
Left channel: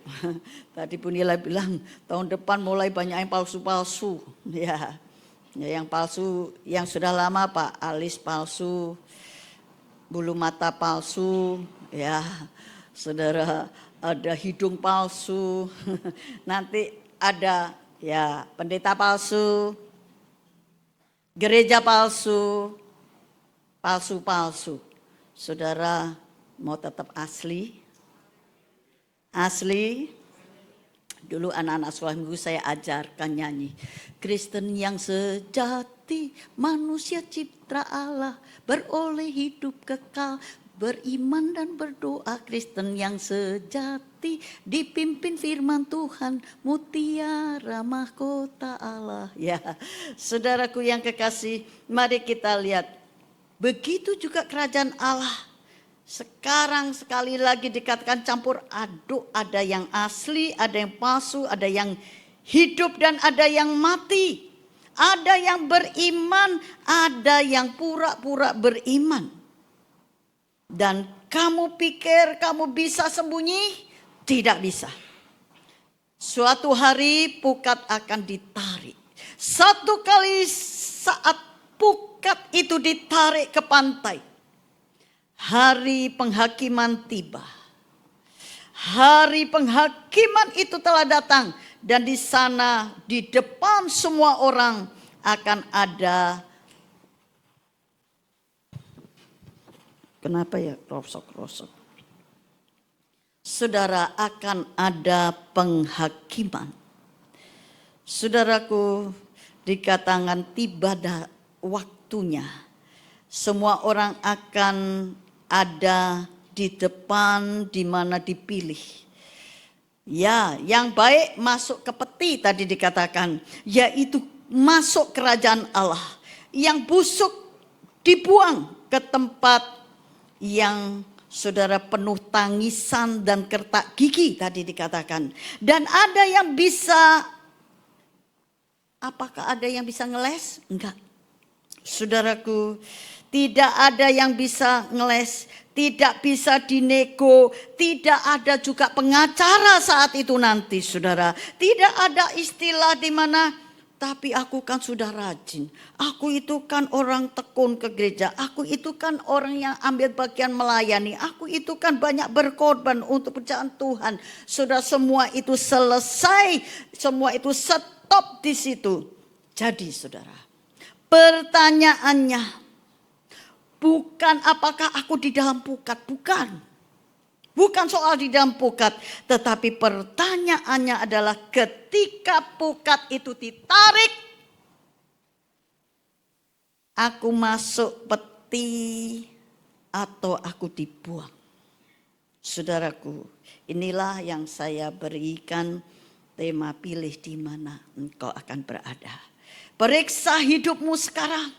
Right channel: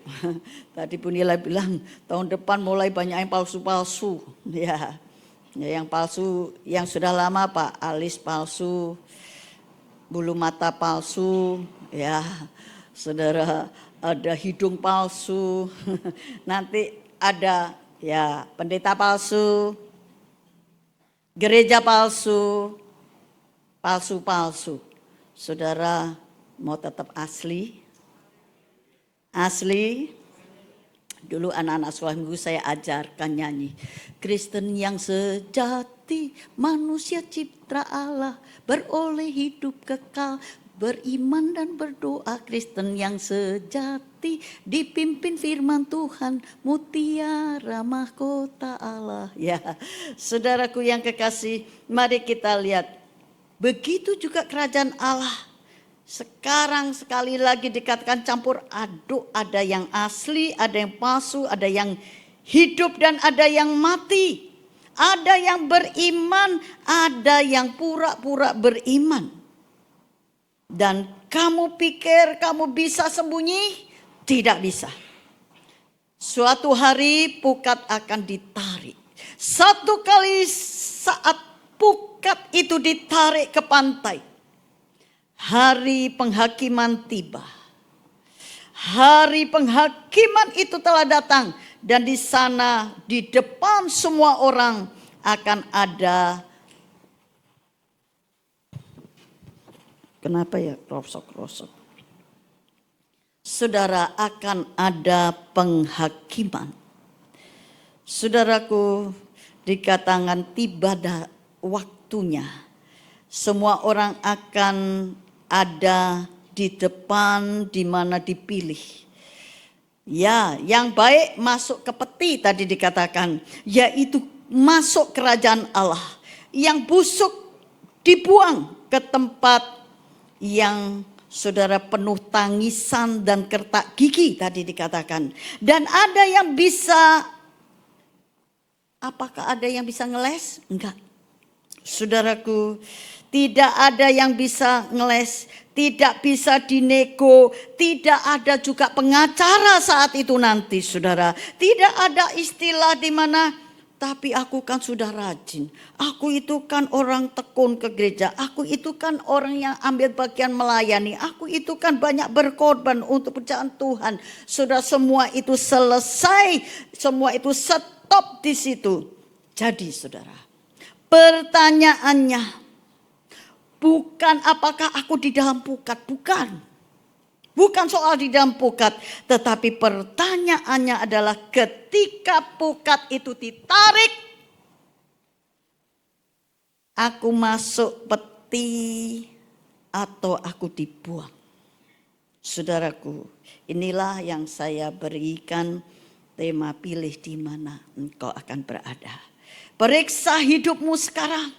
Tadi Bu Nila bilang tahun depan mulai banyak yang palsu-palsu. Ya, yang palsu, yang sudah lama Pak, alis palsu, bulu mata palsu, ya saudara. Ada hidung palsu, nanti ada ya pendeta palsu, gereja palsu, palsu-palsu. Saudara mau tetap asli? Asli? Dulu anak-anak sekolah minggu saya ajarkan nyanyi. Kristen yang sejati, manusia cipta Allah, beroleh hidup kekal, beriman dan berdoa. Kristen yang sejati, dipimpin firman Tuhan, mutiara mahkota Allah. Ya, saudaraku yang kekasih, mari kita lihat. Begitu juga kerajaan Allah. Sekarang sekali lagi dikatakan campur aduk. Ada yang asli, ada yang palsu, ada yang hidup dan ada yang mati. Ada yang beriman, ada yang pura-pura beriman. Dan kamu pikir kamu bisa sembunyi? Tidak bisa. Suatu hari pukat akan ditarik. Satu kali saat pukat itu ditarik ke pantai, hari penghakiman tiba. Hari penghakiman itu telah datang. Dan di sana, di depan semua orang akan ada. Kenapa ya rosok-rosok? Saudara, akan ada penghakiman. Saudaraku, dikatakan tiba waktunya. Semua orang akan ada di depan di mana dipilih. Ya, yang baik masuk ke peti tadi dikatakan, yaitu masuk kerajaan Allah. Yang busuk dibuang ke tempat yang saudara penuh tangisan dan kertak gigi tadi dikatakan. Dan ada yang bisa, apakah ada yang bisa ngeles? Enggak. Saudaraku, tidak ada yang bisa ngeles, tidak bisa dinego, tidak ada juga pengacara saat itu nanti saudara. Tidak ada istilah di mana, tapi aku kan sudah rajin. Aku itu kan orang tekun ke gereja. Aku itu kan orang yang ambil bagian melayani. Aku itu kan banyak berkorban untuk pekerjaan Tuhan. Sudah semua itu selesai. Semua itu stop di situ. Jadi saudara, pertanyaannya bukan apakah aku di dalam pukat. Bukan. Bukan soal di dalam pukat, tetapi pertanyaannya adalah ketika pukat itu ditarik, aku masuk peti atau aku dibuang. Saudaraku, inilah yang saya berikan tema pilih di mana engkau akan berada. Periksa hidupmu sekarang,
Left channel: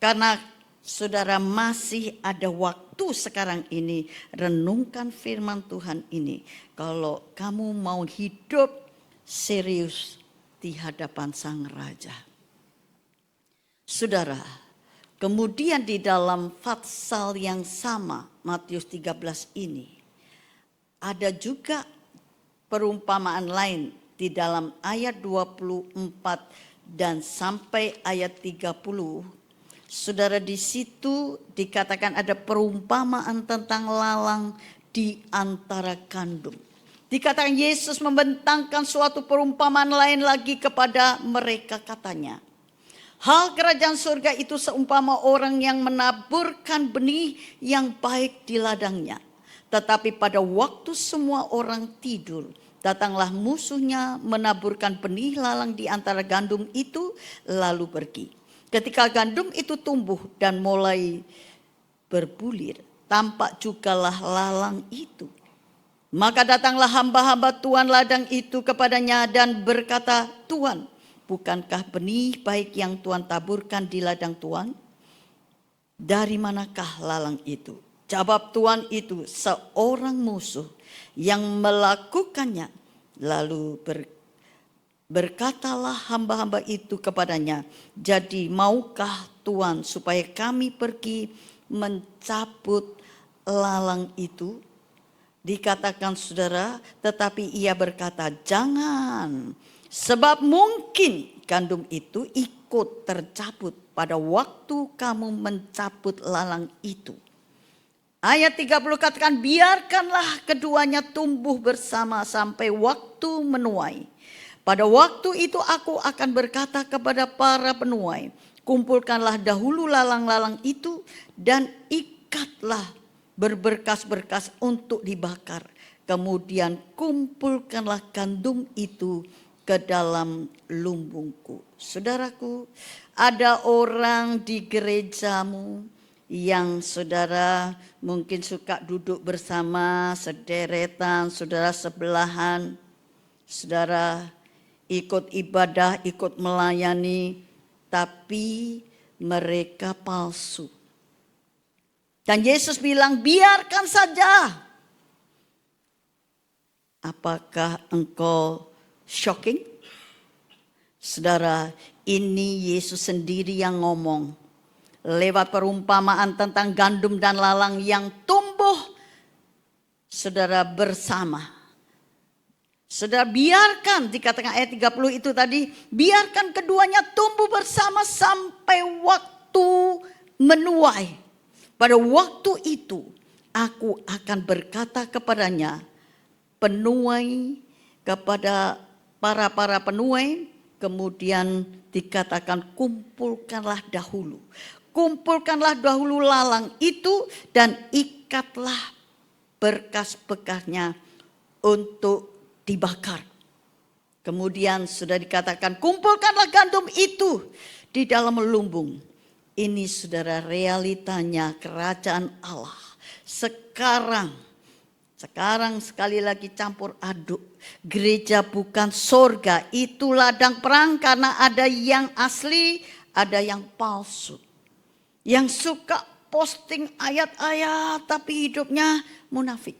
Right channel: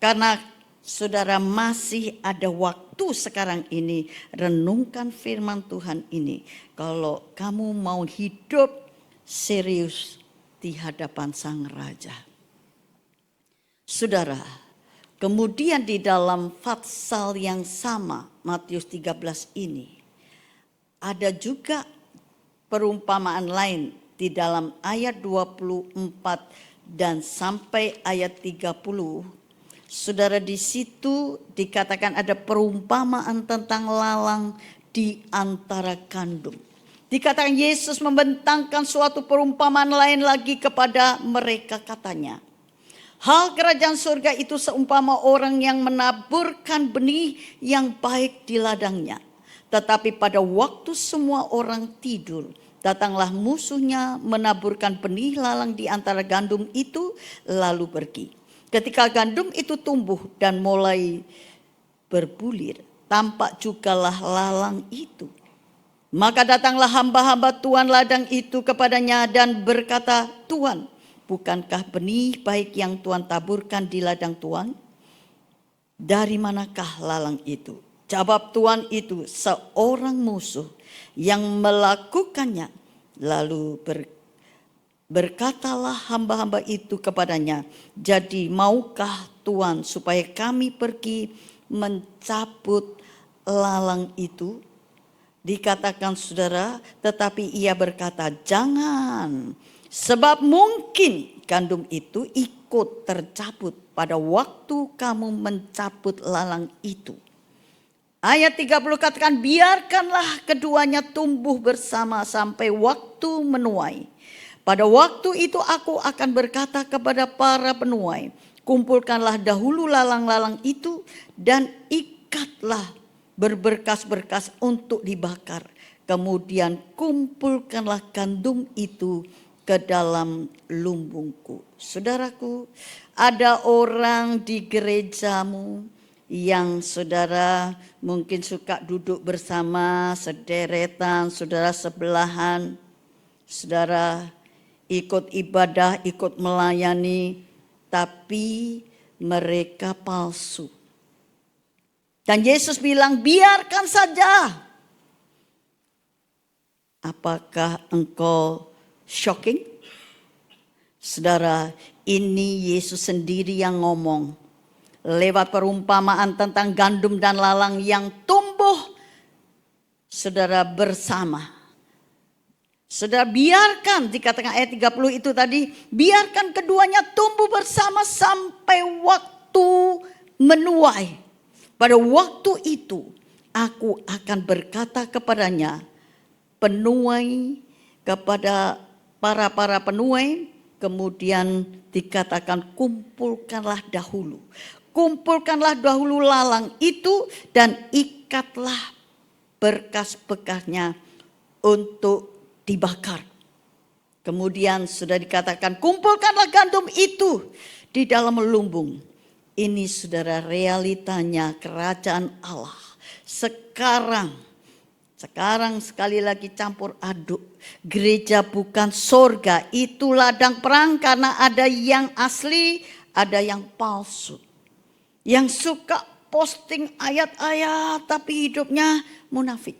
karena saudara masih ada waktu sekarang ini, renungkan firman Tuhan ini. Kalau kamu mau hidup serius di hadapan Sang Raja. Saudara, kemudian di dalam pasal yang sama, Matius 13 ini, ada juga perumpamaan lain di dalam ayat 24 dan sampai ayat 30. Saudara, di situ dikatakan ada perumpamaan tentang lalang di antara gandum. Dikatakan Yesus membentangkan suatu perumpamaan lain lagi kepada mereka, katanya, hal kerajaan surga itu seumpama orang yang menaburkan benih yang baik di ladangnya. Tetapi pada waktu semua orang tidur, datanglah musuhnya menaburkan benih lalang di antara gandum itu lalu pergi. Ketika gandum itu tumbuh dan mulai berbulir, tampak jugalah lalang itu. Maka datanglah hamba-hamba Tuan ladang itu kepadanya dan berkata, Tuan, bukankah benih baik yang Tuan taburkan di ladang Tuan? Dari manakah lalang itu? Jawab Tuan itu, seorang musuh yang melakukannya. Lalu berkatalah hamba-hamba itu kepadanya, jadi maukah Tuan supaya kami pergi mencabut lalang itu? Dikatakan saudara, tetapi ia berkata, jangan, sebab mungkin gandum itu ikut tercabut pada waktu kamu mencabut lalang itu. Ayat 30 katakan, biarkanlah keduanya tumbuh bersama sampai waktu menuai. Pada waktu itu aku akan berkata kepada para penuai, kumpulkanlah dahulu lalang-lalang itu dan ikatlah berberkas-berkas untuk dibakar. Kemudian kumpulkanlah gandum itu ke dalam lumbungku. Saudaraku, ada orang di gerejamu yang saudara mungkin suka duduk bersama sederetan, saudara sebelahan, saudara ikut ibadah, ikut melayani, tapi mereka palsu. Dan Yesus bilang, biarkan saja. Apakah engkau shocking? Saudara, ini Yesus sendiri yang ngomong. Lewat perumpamaan tentang gandum dan lalang yang tumbuh, saudara, bersama. Saudara, biarkan, dikatakan ayat 30 itu tadi, biarkan keduanya tumbuh bersama sampai waktu menuai. Pada waktu itu aku akan berkata kepadanya, penuai, kepada para penuai, kemudian dikatakan kumpulkanlah dahulu. Kumpulkanlah dahulu lalang itu dan ikatlah berkas-bekasnya untuk dibakar. Kemudian sudah dikatakan kumpulkanlah gandum itu di dalam lumbung. Ini saudara realitanya kerajaan Allah. Sekarang sekali lagi campur aduk. Gereja bukan sorga, itu ladang perang karena ada yang asli, ada yang palsu. Yang suka posting ayat-ayat tapi hidupnya munafik.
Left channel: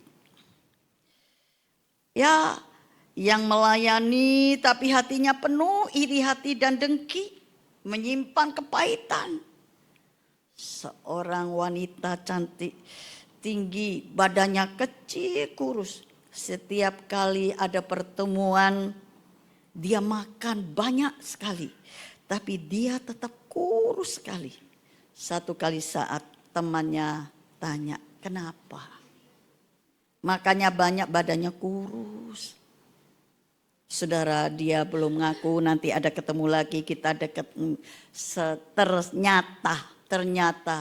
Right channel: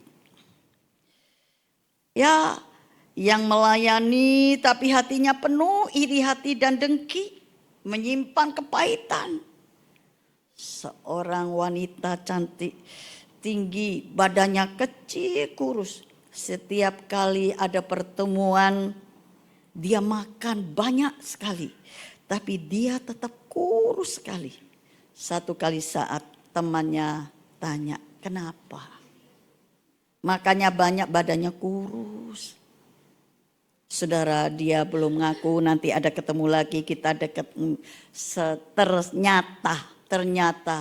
Ya, yang melayani tapi hatinya penuh iri hati dan dengki, menyimpan kepahitan. Seorang wanita cantik, tinggi, badannya kecil, kurus. Setiap kali ada pertemuan, dia makan banyak sekali. Tapi dia tetap kurus sekali. Satu kali saat temannya tanya, kenapa? Makanya banyak badannya kurus. Saudara, dia belum ngaku, nanti ada ketemu lagi, kita dekat. Ternyata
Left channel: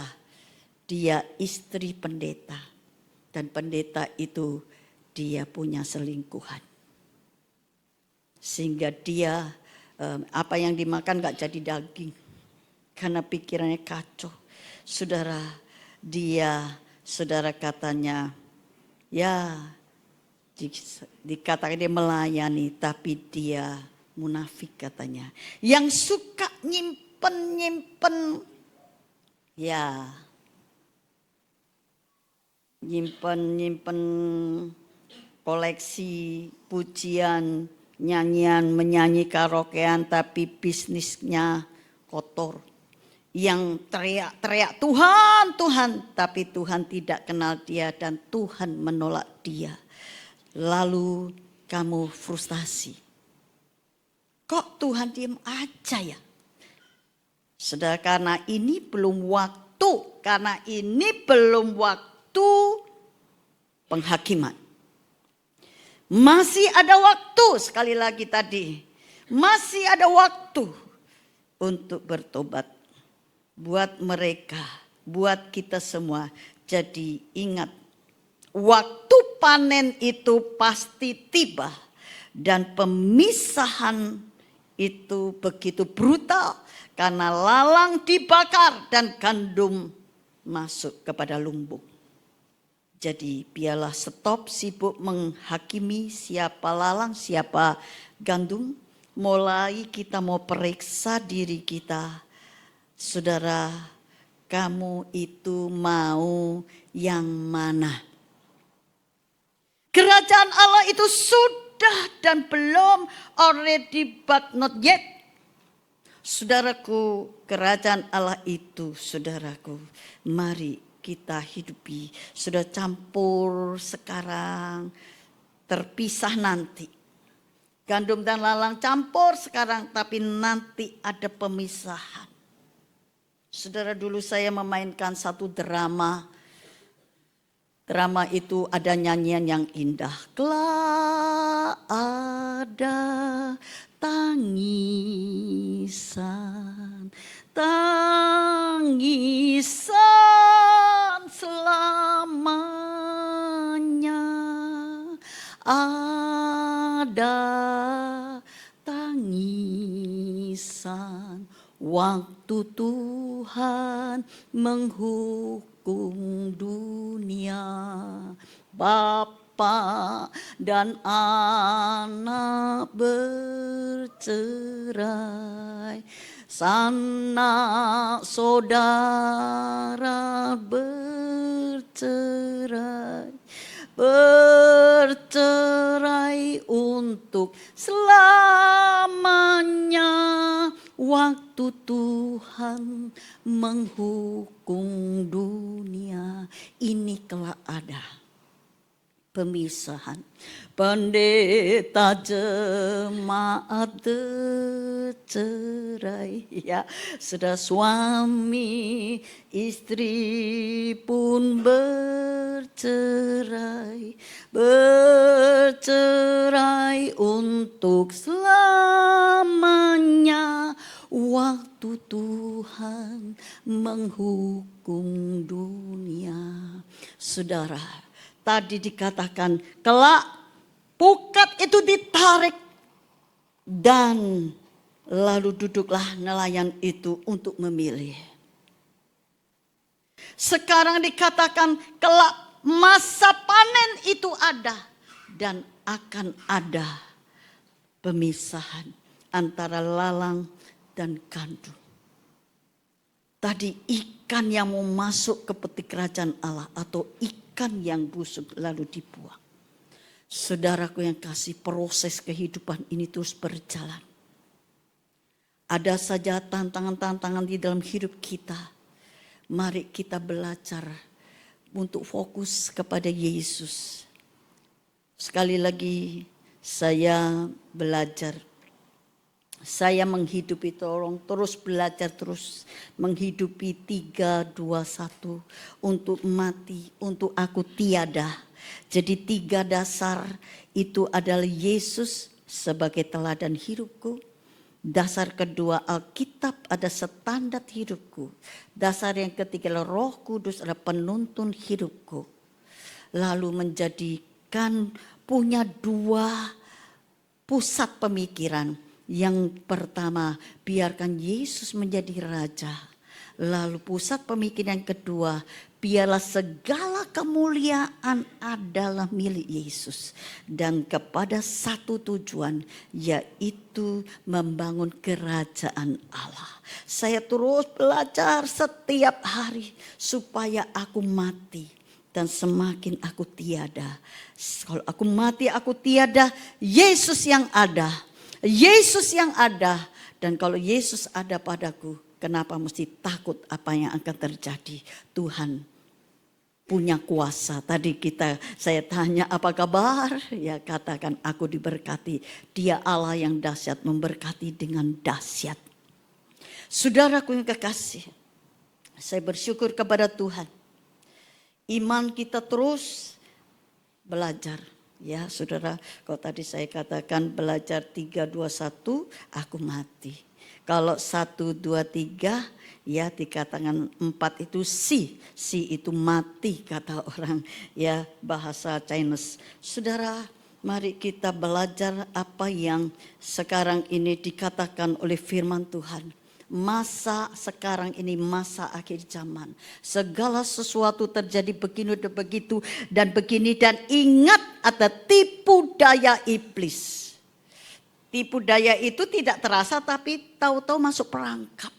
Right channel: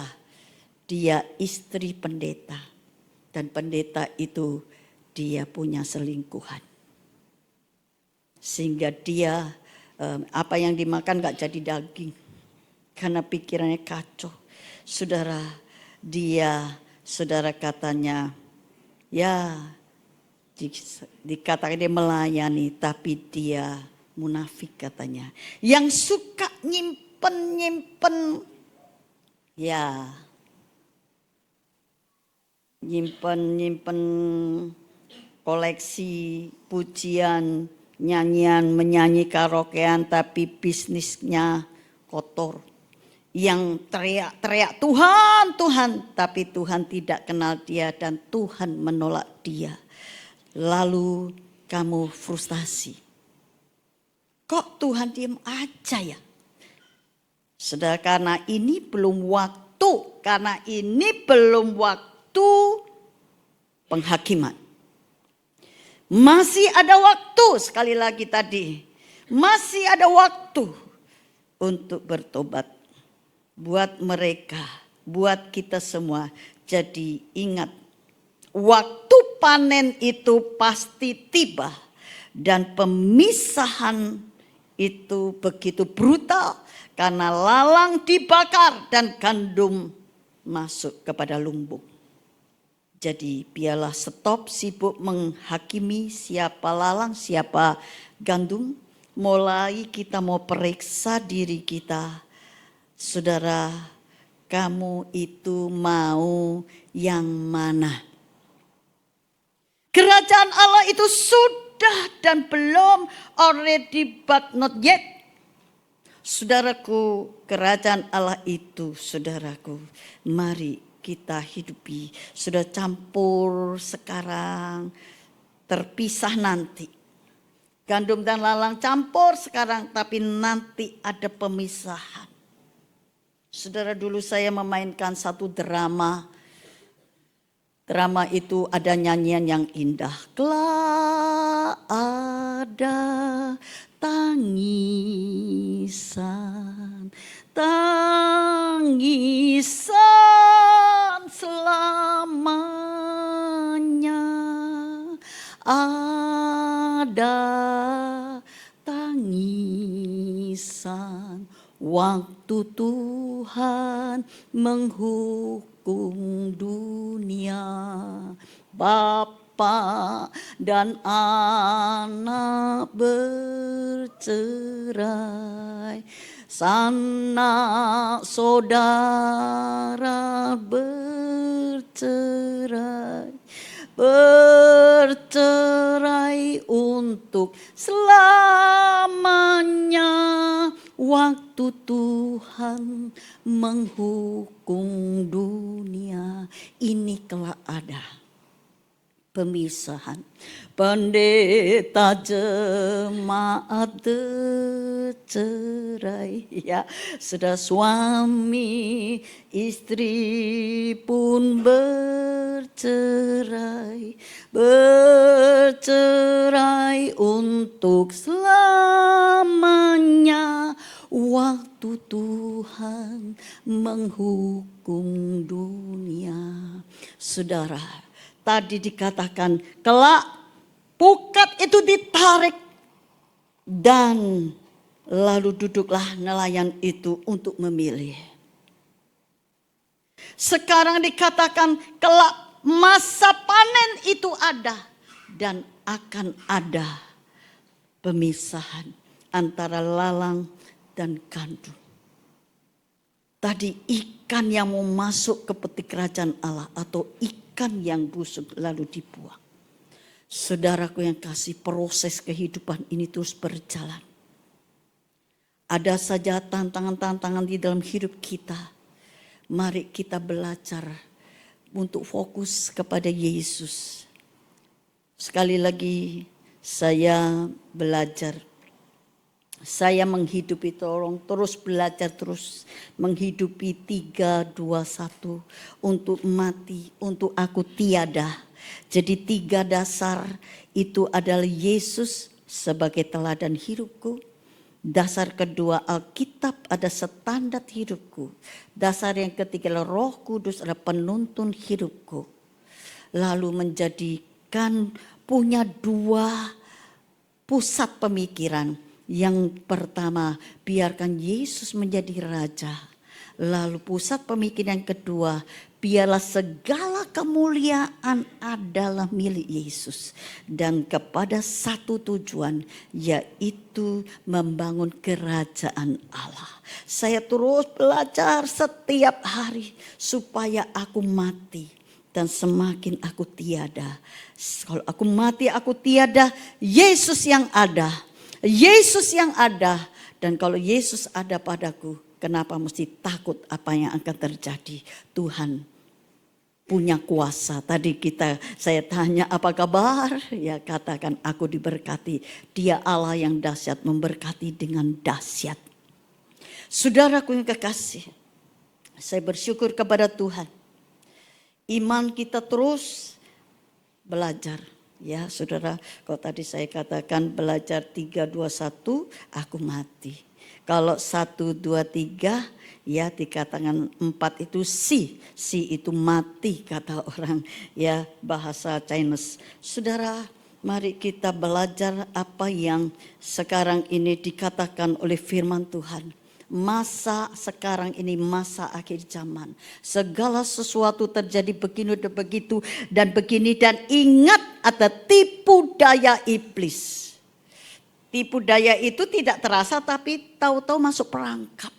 dia istri pendeta. Dan pendeta itu dia punya selingkuhan. Sehingga dia apa yang dimakan gak jadi daging. Karena pikirannya kacau. Saudara katanya, ya dikatakan dia melayani tapi dia munafik katanya. Yang suka nyimpen, ya nyimpen koleksi pujian, nyanyian, menyanyi karaokean tapi bisnisnya kotor. Yang teriak-teriak Tuhan, Tuhan, tapi Tuhan tidak kenal dia dan Tuhan menolak dia. Lalu kamu frustasi. Kok Tuhan diem aja ya? Saudara, karena ini belum waktu. Karena ini belum waktu penghakiman. Masih ada waktu, sekali lagi tadi. Masih ada waktu untuk bertobat. Buat mereka, buat kita semua. Jadi ingat, waktu panen itu pasti tiba. Dan pemisahan itu begitu brutal. Karena lalang dibakar dan gandum masuk kepada lumbung. Jadi biarlah stop sibuk menghakimi siapa lalang, siapa gandum. Mulai kita mau periksa diri kita. Saudara, kamu itu mau yang mana? Kerajaan Allah itu sudah dan belum, already but not yet. Saudaraku, kerajaan Allah itu, saudaraku, mari kita hidupi. Sudah campur sekarang, terpisah nanti. Gandum dan lalang campur sekarang, tapi nanti ada pemisahan. Saudara, dulu saya memainkan satu drama. Drama itu ada nyanyian yang indah. Kelak ada tangisan, tangisan selamanya. Ada tangisan waktu Tuhan menghukum dunia. Bapa dan anak bercerai, sanak saudara bercerai, bercerai untuk selamanya. Waktu Tuhan menghukum dunia, ini kelak ada pemisahan. Pendeta jemaat bercerai, ya, sudah suami istri pun bercerai, bercerai untuk selamanya. Waktu Tuhan menghukum dunia. Saudara, tadi dikatakan kelak pukat itu ditarik dan lalu duduklah nelayan itu untuk memilih. Sekarang dikatakan kelak masa panen itu ada dan akan ada pemisahan antara lalang dan gandum. Tadi ikan yang mau masuk ke peti kerajaan Allah atau ikan yang busuk lalu dibuang. Saudaraku yang kasih, proses kehidupan ini terus berjalan. Ada saja tantangan-tantangan di dalam hidup kita. Mari kita belajar untuk fokus kepada Yesus. Sekali lagi saya belajar. Saya menghidupi, tolong terus belajar, terus menghidupi 3-2-1 untuk mati, untuk aku tiada. Jadi 3 dasar itu adalah Yesus sebagai teladan hidupku. Dasar kedua, Alkitab ada standar hidupku. Dasar yang ketiga, Roh Kudus adalah penuntun hidupku. Lalu menjadikan punya 2 pusat pemikiran. Yang pertama, biarkan Yesus menjadi Raja. Lalu pusat pemikiran yang kedua, biarlah segala kemuliaan adalah milik Yesus. Dan kepada satu tujuan, yaitu membangun kerajaan Allah. Saya terus belajar setiap hari supaya aku mati. Dan semakin aku tiada. Kalau aku mati, aku tiada, Yesus yang ada. Yesus yang ada, dan kalau Yesus ada padaku, kenapa mesti takut apa yang akan terjadi? Tuhan punya kuasa. Tadi saya tanya apa kabar? Ya katakan aku diberkati. Dia Allah yang dahsyat memberkati dengan dahsyat. Saudaraku yang kekasih, saya bersyukur kepada Tuhan. Iman kita terus belajar. Ya saudara, kalau tadi saya katakan belajar 3, 2, 1, aku mati. Kalau 1, 2, 3, ya dikatakan 4 itu si itu mati kata orang ya bahasa Chinese. Saudara, mari kita belajar apa yang sekarang ini dikatakan oleh firman Tuhan. Masa sekarang ini masa akhir zaman. Segala sesuatu terjadi begini dan begitu dan begini, dan ingat ada tipu daya iblis. Tipu daya itu tidak terasa tapi tahu-tahu masuk perangkap.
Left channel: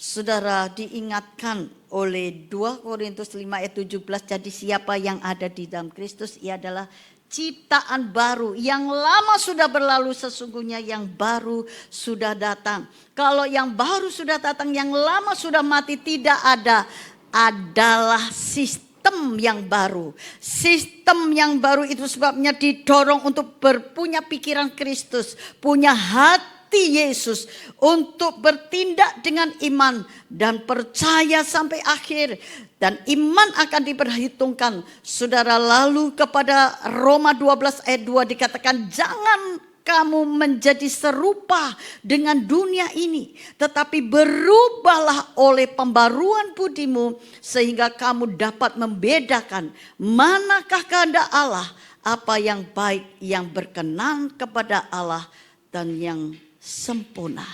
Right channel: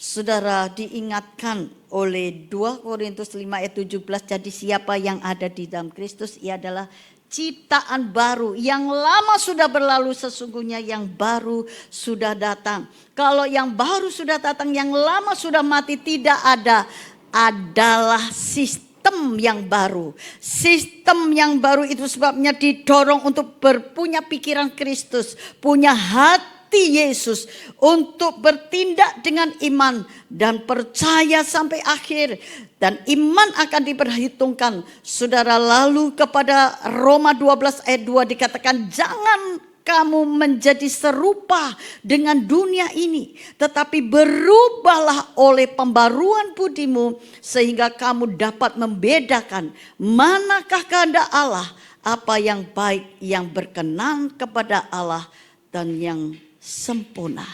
Saudara, diingatkan oleh 2 Korintus 5 ayat 17, jadi siapa yang ada di dalam Kristus ia adalah ciptaan baru. Yang lama sudah berlalu, sesungguhnya yang baru sudah datang. Kalau yang baru sudah datang, yang lama sudah mati, tidak ada. Adalah sistem yang baru. Sistem yang baru itu sebabnya didorong untuk berpunya pikiran Kristus, punya hati Yesus, untuk bertindak dengan iman dan percaya sampai akhir. Dan iman akan diperhitungkan. Saudara, lalu kepada Roma 12 ayat 2 dikatakan, jangan kamu menjadi serupa dengan dunia ini, tetapi berubahlah oleh pembaruan budimu, sehingga kamu dapat membedakan manakah kehendak Allah, apa yang baik, yang berkenan kepada Allah, dan yang sempurna.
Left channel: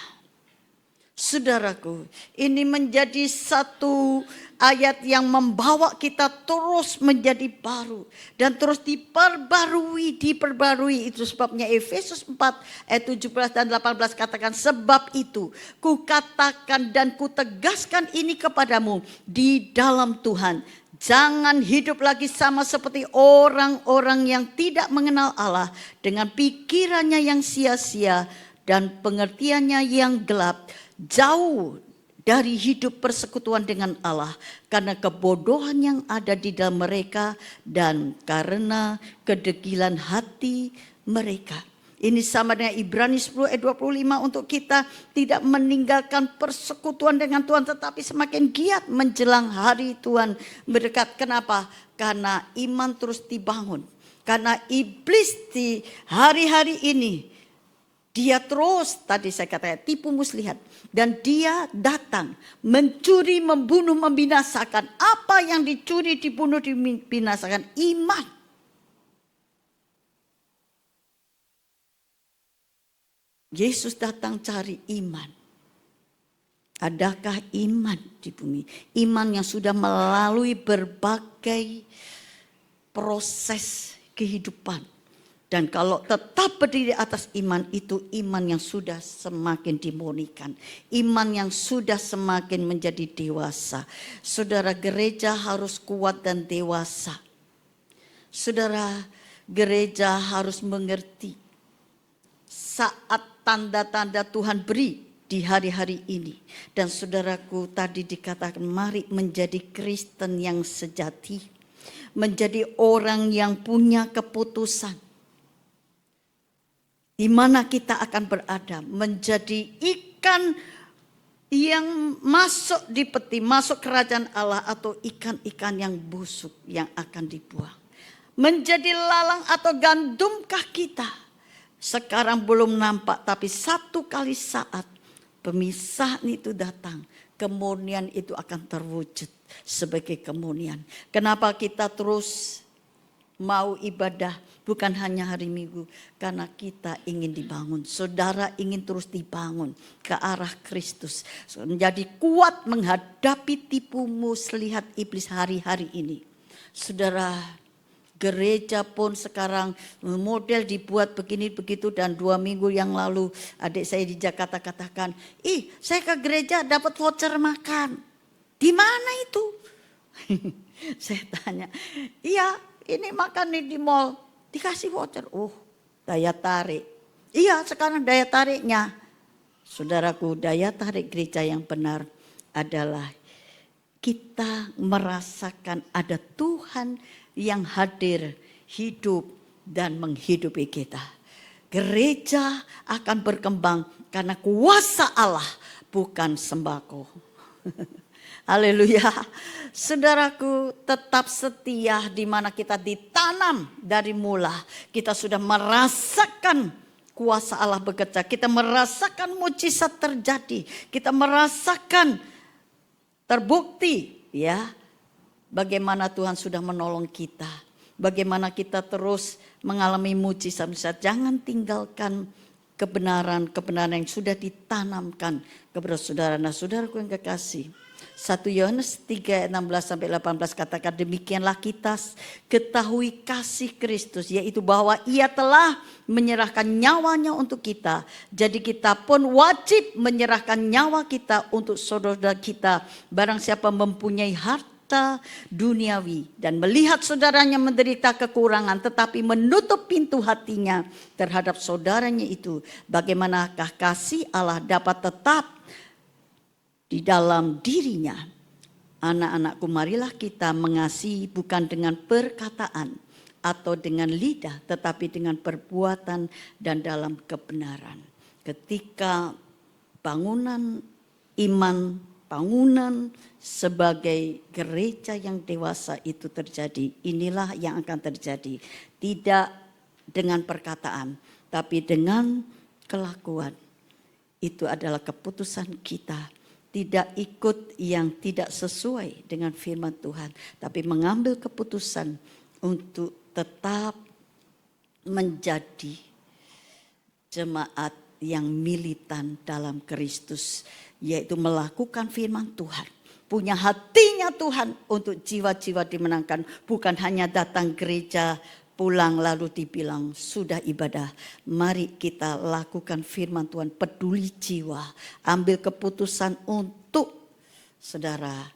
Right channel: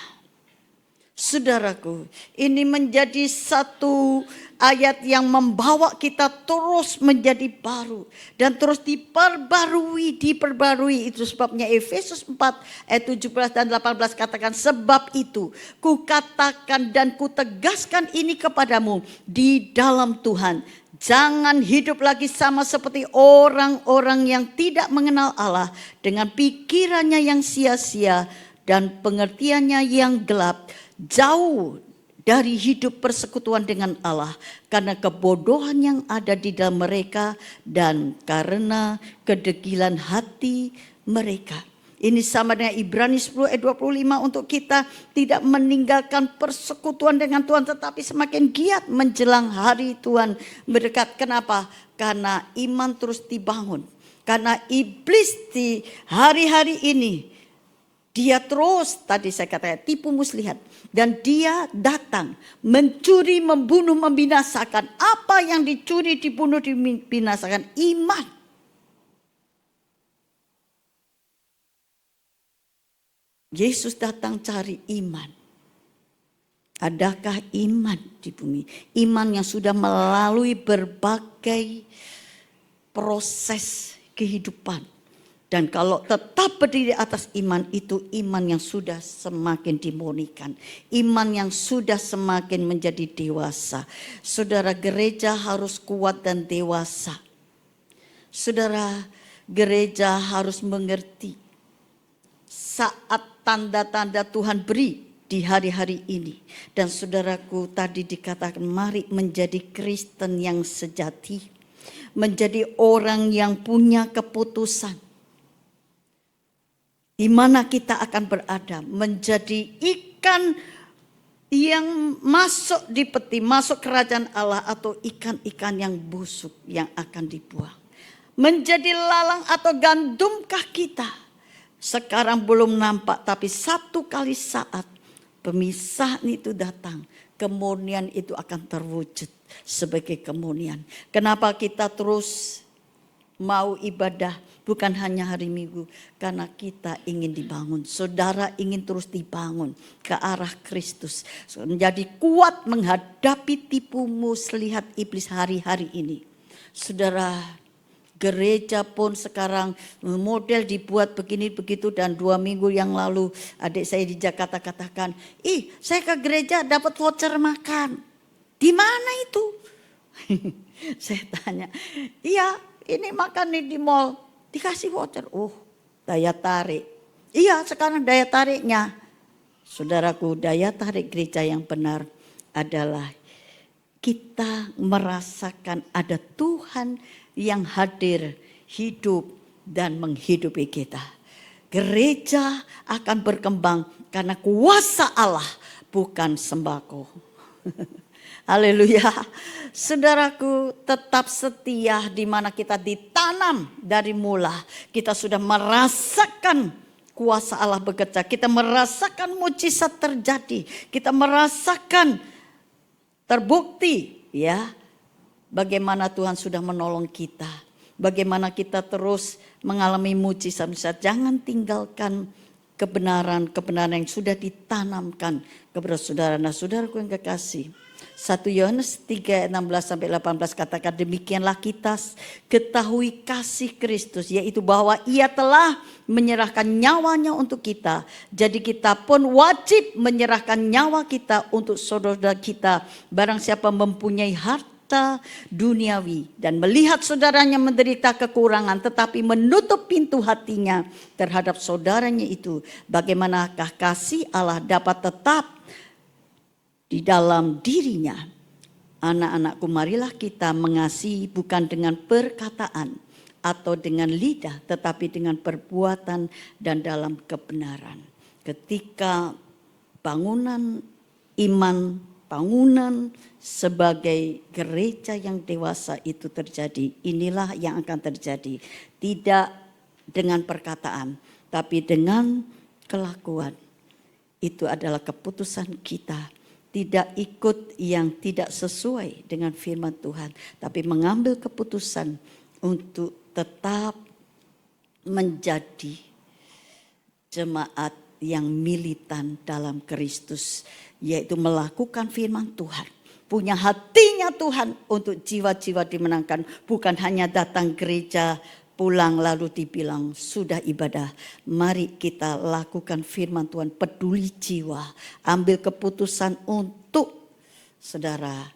Saudaraku, ini menjadi satu ayat yang membawa kita terus menjadi baru dan terus diperbarui. Itu sebabnya Efesus 4 ayat 17 dan 18 katakan, sebab itu kukatakan dan kutegaskan ini kepadamu di dalam Tuhan. Jangan hidup lagi sama seperti orang-orang yang tidak mengenal Allah, dengan pikirannya yang sia-sia dan pengertiannya yang gelap, jauh dari hidup persekutuan dengan Allah, karena kebodohan yang ada di dalam mereka dan karena kedegilan hati mereka. Ini sama dengan Ibrani 10 ayat 25, untuk kita tidak meninggalkan persekutuan dengan Tuhan, tetapi semakin giat menjelang hari Tuhan mendekat. Kenapa? Karena iman terus dibangun. Karena iblis di hari-hari ini, dia terus, tadi saya katakan, tipu muslihat. Dan dia datang mencuri, membunuh, membinasakan. Apa yang dicuri, dibunuh, dibinasakan? Iman. Yesus datang cari iman. Adakah iman di bumi? Iman yang sudah melalui berbagai proses kehidupan. Dan kalau tetap berdiri atas iman, itu iman yang sudah semakin dimurnikan. Iman yang sudah semakin menjadi dewasa. Saudara, gereja harus kuat dan dewasa. Saudara, gereja harus mengerti saat tanda-tanda Tuhan beri di hari-hari ini. Dan saudaraku, tadi dikatakan mari menjadi Kristen yang sejati. Menjadi orang yang punya keputusan. Di mana kita akan berada, menjadi ikan yang masuk di peti, masuk kerajaan Allah, atau ikan-ikan yang busuk yang akan dibuang. Menjadi lalang atau gandumkah kita? Sekarang belum nampak, tapi satu kali saat pemisahan itu datang, kemurnian itu akan terwujud sebagai kemurnian. Kenapa kita terus mau ibadah? Bukan hanya hari Minggu, karena kita ingin dibangun. Saudara ingin terus dibangun ke arah Kristus. Menjadi kuat menghadapi tipu muslihat iblis hari-hari ini. Saudara, gereja pun sekarang model dibuat begini begitu, dan 2 minggu yang lalu adik saya di Jakarta katakan, saya ke gereja dapat voucher makan. Di mana itu? Saya tanya, iya ini makan nih di mall. Dikasih voucher, daya tarik. Iya, sekarang daya tariknya. Saudaraku, daya tarik gereja yang benar adalah kita merasakan ada Tuhan yang hadir, hidup dan menghidupi kita. Gereja akan berkembang karena kuasa Allah, bukan sembako. Haleluya. Saudaraku, tetap setia di mana kita ditanam dari mula. Kita sudah merasakan kuasa Allah bekerja. Kita merasakan mujizat terjadi. Kita merasakan terbukti ya bagaimana Tuhan sudah menolong kita. Bagaimana kita terus mengalami mujizat. Jangan tinggalkan kebenaran-kebenaran yang sudah ditanamkan kepada saudara. Nah, saudaraku yang kekasih, 1 Yohanes 3 ayat 16-18 katakan, demikianlah kita ketahui kasih Kristus, yaitu bahwa ia telah menyerahkan nyawanya untuk kita. Jadi kita pun wajib menyerahkan nyawa kita untuk saudara kita. Barang siapa mempunyai harta duniawi dan melihat saudaranya menderita kekurangan, tetapi menutup pintu hatinya terhadap saudaranya itu, bagaimanakah kasih Allah dapat tetap di dalam dirinya? Anak-anakku, marilah kita mengasihi bukan dengan perkataan atau dengan lidah, tetapi dengan perbuatan dan dalam kebenaran. Ketika bangunan iman, bangunan sebagai gereja yang dewasa itu terjadi, inilah yang akan terjadi. Tidak dengan perkataan, tapi dengan kelakuan. Itu adalah keputusan kita. Tidak ikut yang tidak sesuai dengan firman Tuhan, tapi mengambil keputusan untuk tetap menjadi jemaat yang militan dalam Kristus, yaitu melakukan firman Tuhan. Punya hatinya Tuhan untuk jiwa-jiwa dimenangkan, bukan hanya datang gereja, pulang lalu dibilang sudah ibadah. Mari kita lakukan firman Tuhan, peduli jiwa, ambil keputusan untuk saudara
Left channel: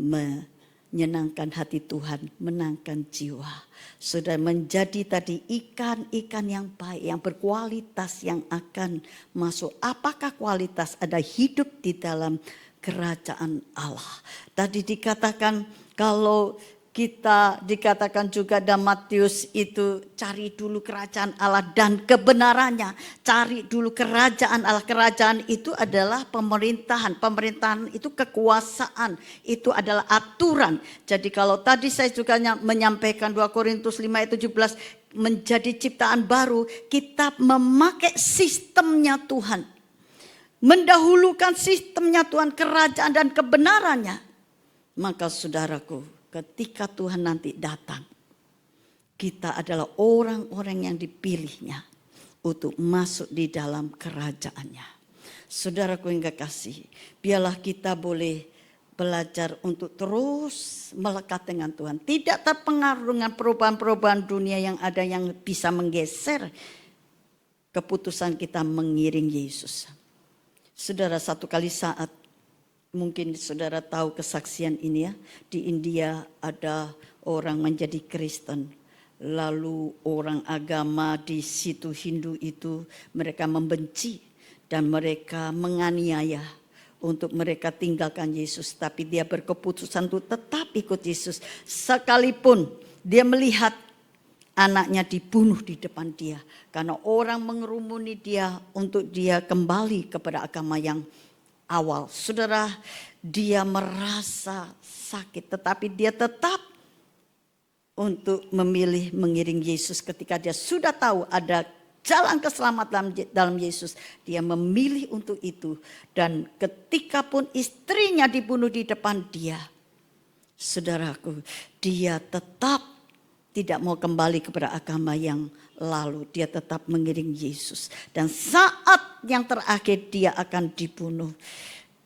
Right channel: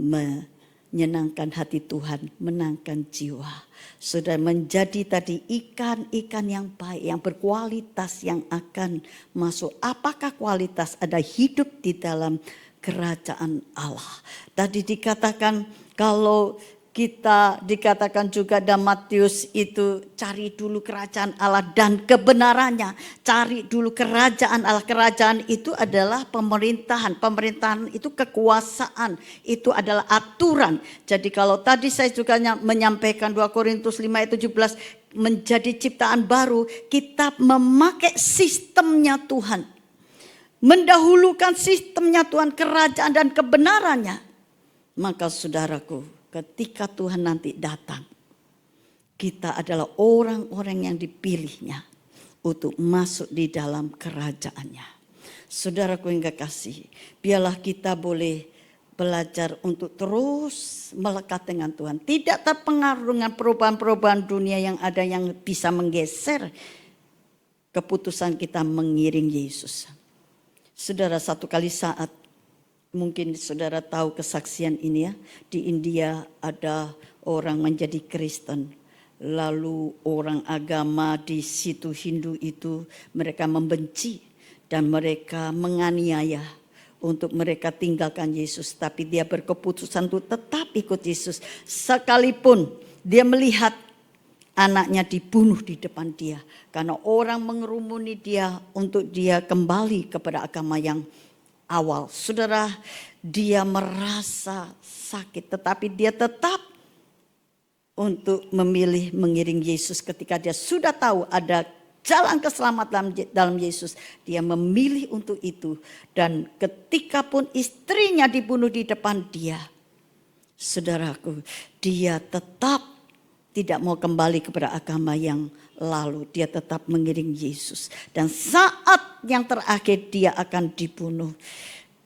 menyenangkan hati Tuhan, menangkan jiwa. Sudah menjadi tadi ikan-ikan yang baik, yang berkualitas, yang akan masuk. Apakah kualitas? Ada hidup di dalam kerajaan Allah. Tadi dikatakan kalau kita dikatakan juga dalam Matius itu, cari dulu kerajaan Allah dan kebenarannya. Cari dulu kerajaan Allah. Kerajaan itu adalah pemerintahan. Pemerintahan itu kekuasaan. Itu adalah aturan. Jadi kalau tadi saya juga menyampaikan 2 Korintus 5 ayat 17, menjadi ciptaan baru, kita memakai sistemnya Tuhan. Mendahulukan sistemnya Tuhan, kerajaan dan kebenarannya. Maka saudaraku, ketika Tuhan nanti datang, kita adalah orang-orang yang dipilihnya untuk masuk di dalam kerajaannya. Saudaraku yang kekasih, biarlah kita boleh belajar untuk terus melekat dengan Tuhan. Tidak terpengaruh dengan perubahan-perubahan dunia yang ada yang bisa menggeser keputusan kita mengiring Yesus. Saudara, satu kali saat, mungkin saudara tahu kesaksian ini ya. Di India ada orang menjadi Kristen. Lalu orang agama di situ Hindu itu mereka membenci dan mereka menganiaya untuk mereka tinggalkan Yesus. Tapi dia berkeputusan untuk tetap ikut Yesus. Sekalipun dia melihat anaknya dibunuh di depan dia. Karena orang mengerumuni dia untuk dia kembali kepada agama yang awal. Saudara, dia merasa sakit, tetapi dia tetap untuk memilih mengiring Yesus. Ketika dia sudah tahu ada jalan keselamatan dalam Yesus, dia memilih untuk itu. Dan ketika pun istrinya dibunuh di depan dia, saudaraku, dia tetap tidak mau kembali kepada agama yang lalu. Dia tetap mengiring Yesus. Dan saat yang terakhir dia akan dibunuh,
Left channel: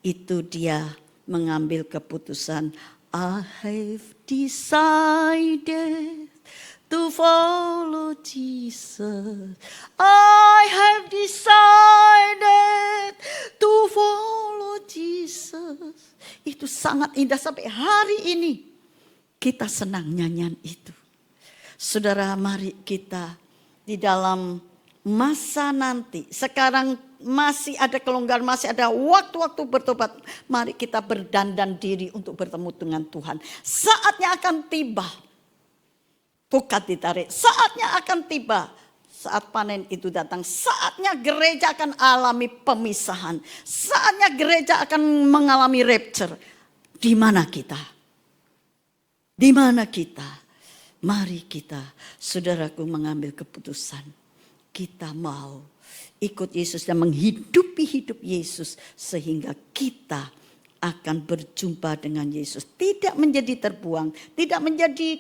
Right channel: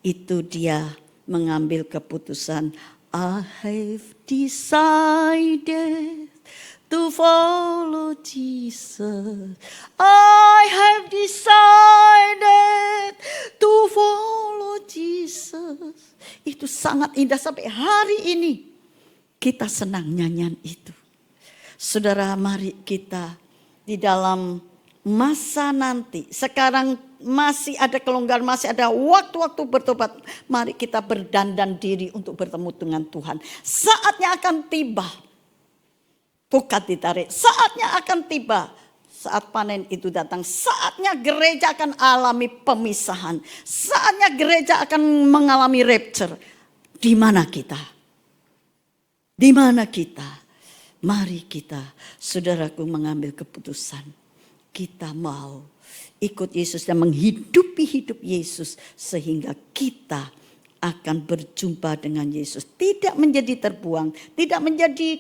itu dia mengambil keputusan, I have decided to follow Jesus. I have decided to follow Jesus. Itu sangat indah, sampai hari ini kita senang nyanyian itu. Saudara, mari kita di dalam masa nanti. Sekarang masih ada kelonggaran, masih ada waktu-waktu bertobat. Mari kita berdandan diri untuk bertemu dengan Tuhan. Saatnya akan tiba. Bukan ditarik. Saatnya akan tiba. Saat panen itu datang, saatnya gereja akan alami pemisahan. Saatnya gereja akan mengalami rapture. Di mana kita? Di mana kita? Mari kita, saudaraku, mengambil keputusan. Kita mau ikut Yesus dan menghidupi hidup Yesus. Sehingga kita akan berjumpa dengan Yesus. Tidak menjadi terbuang, tidak menjadi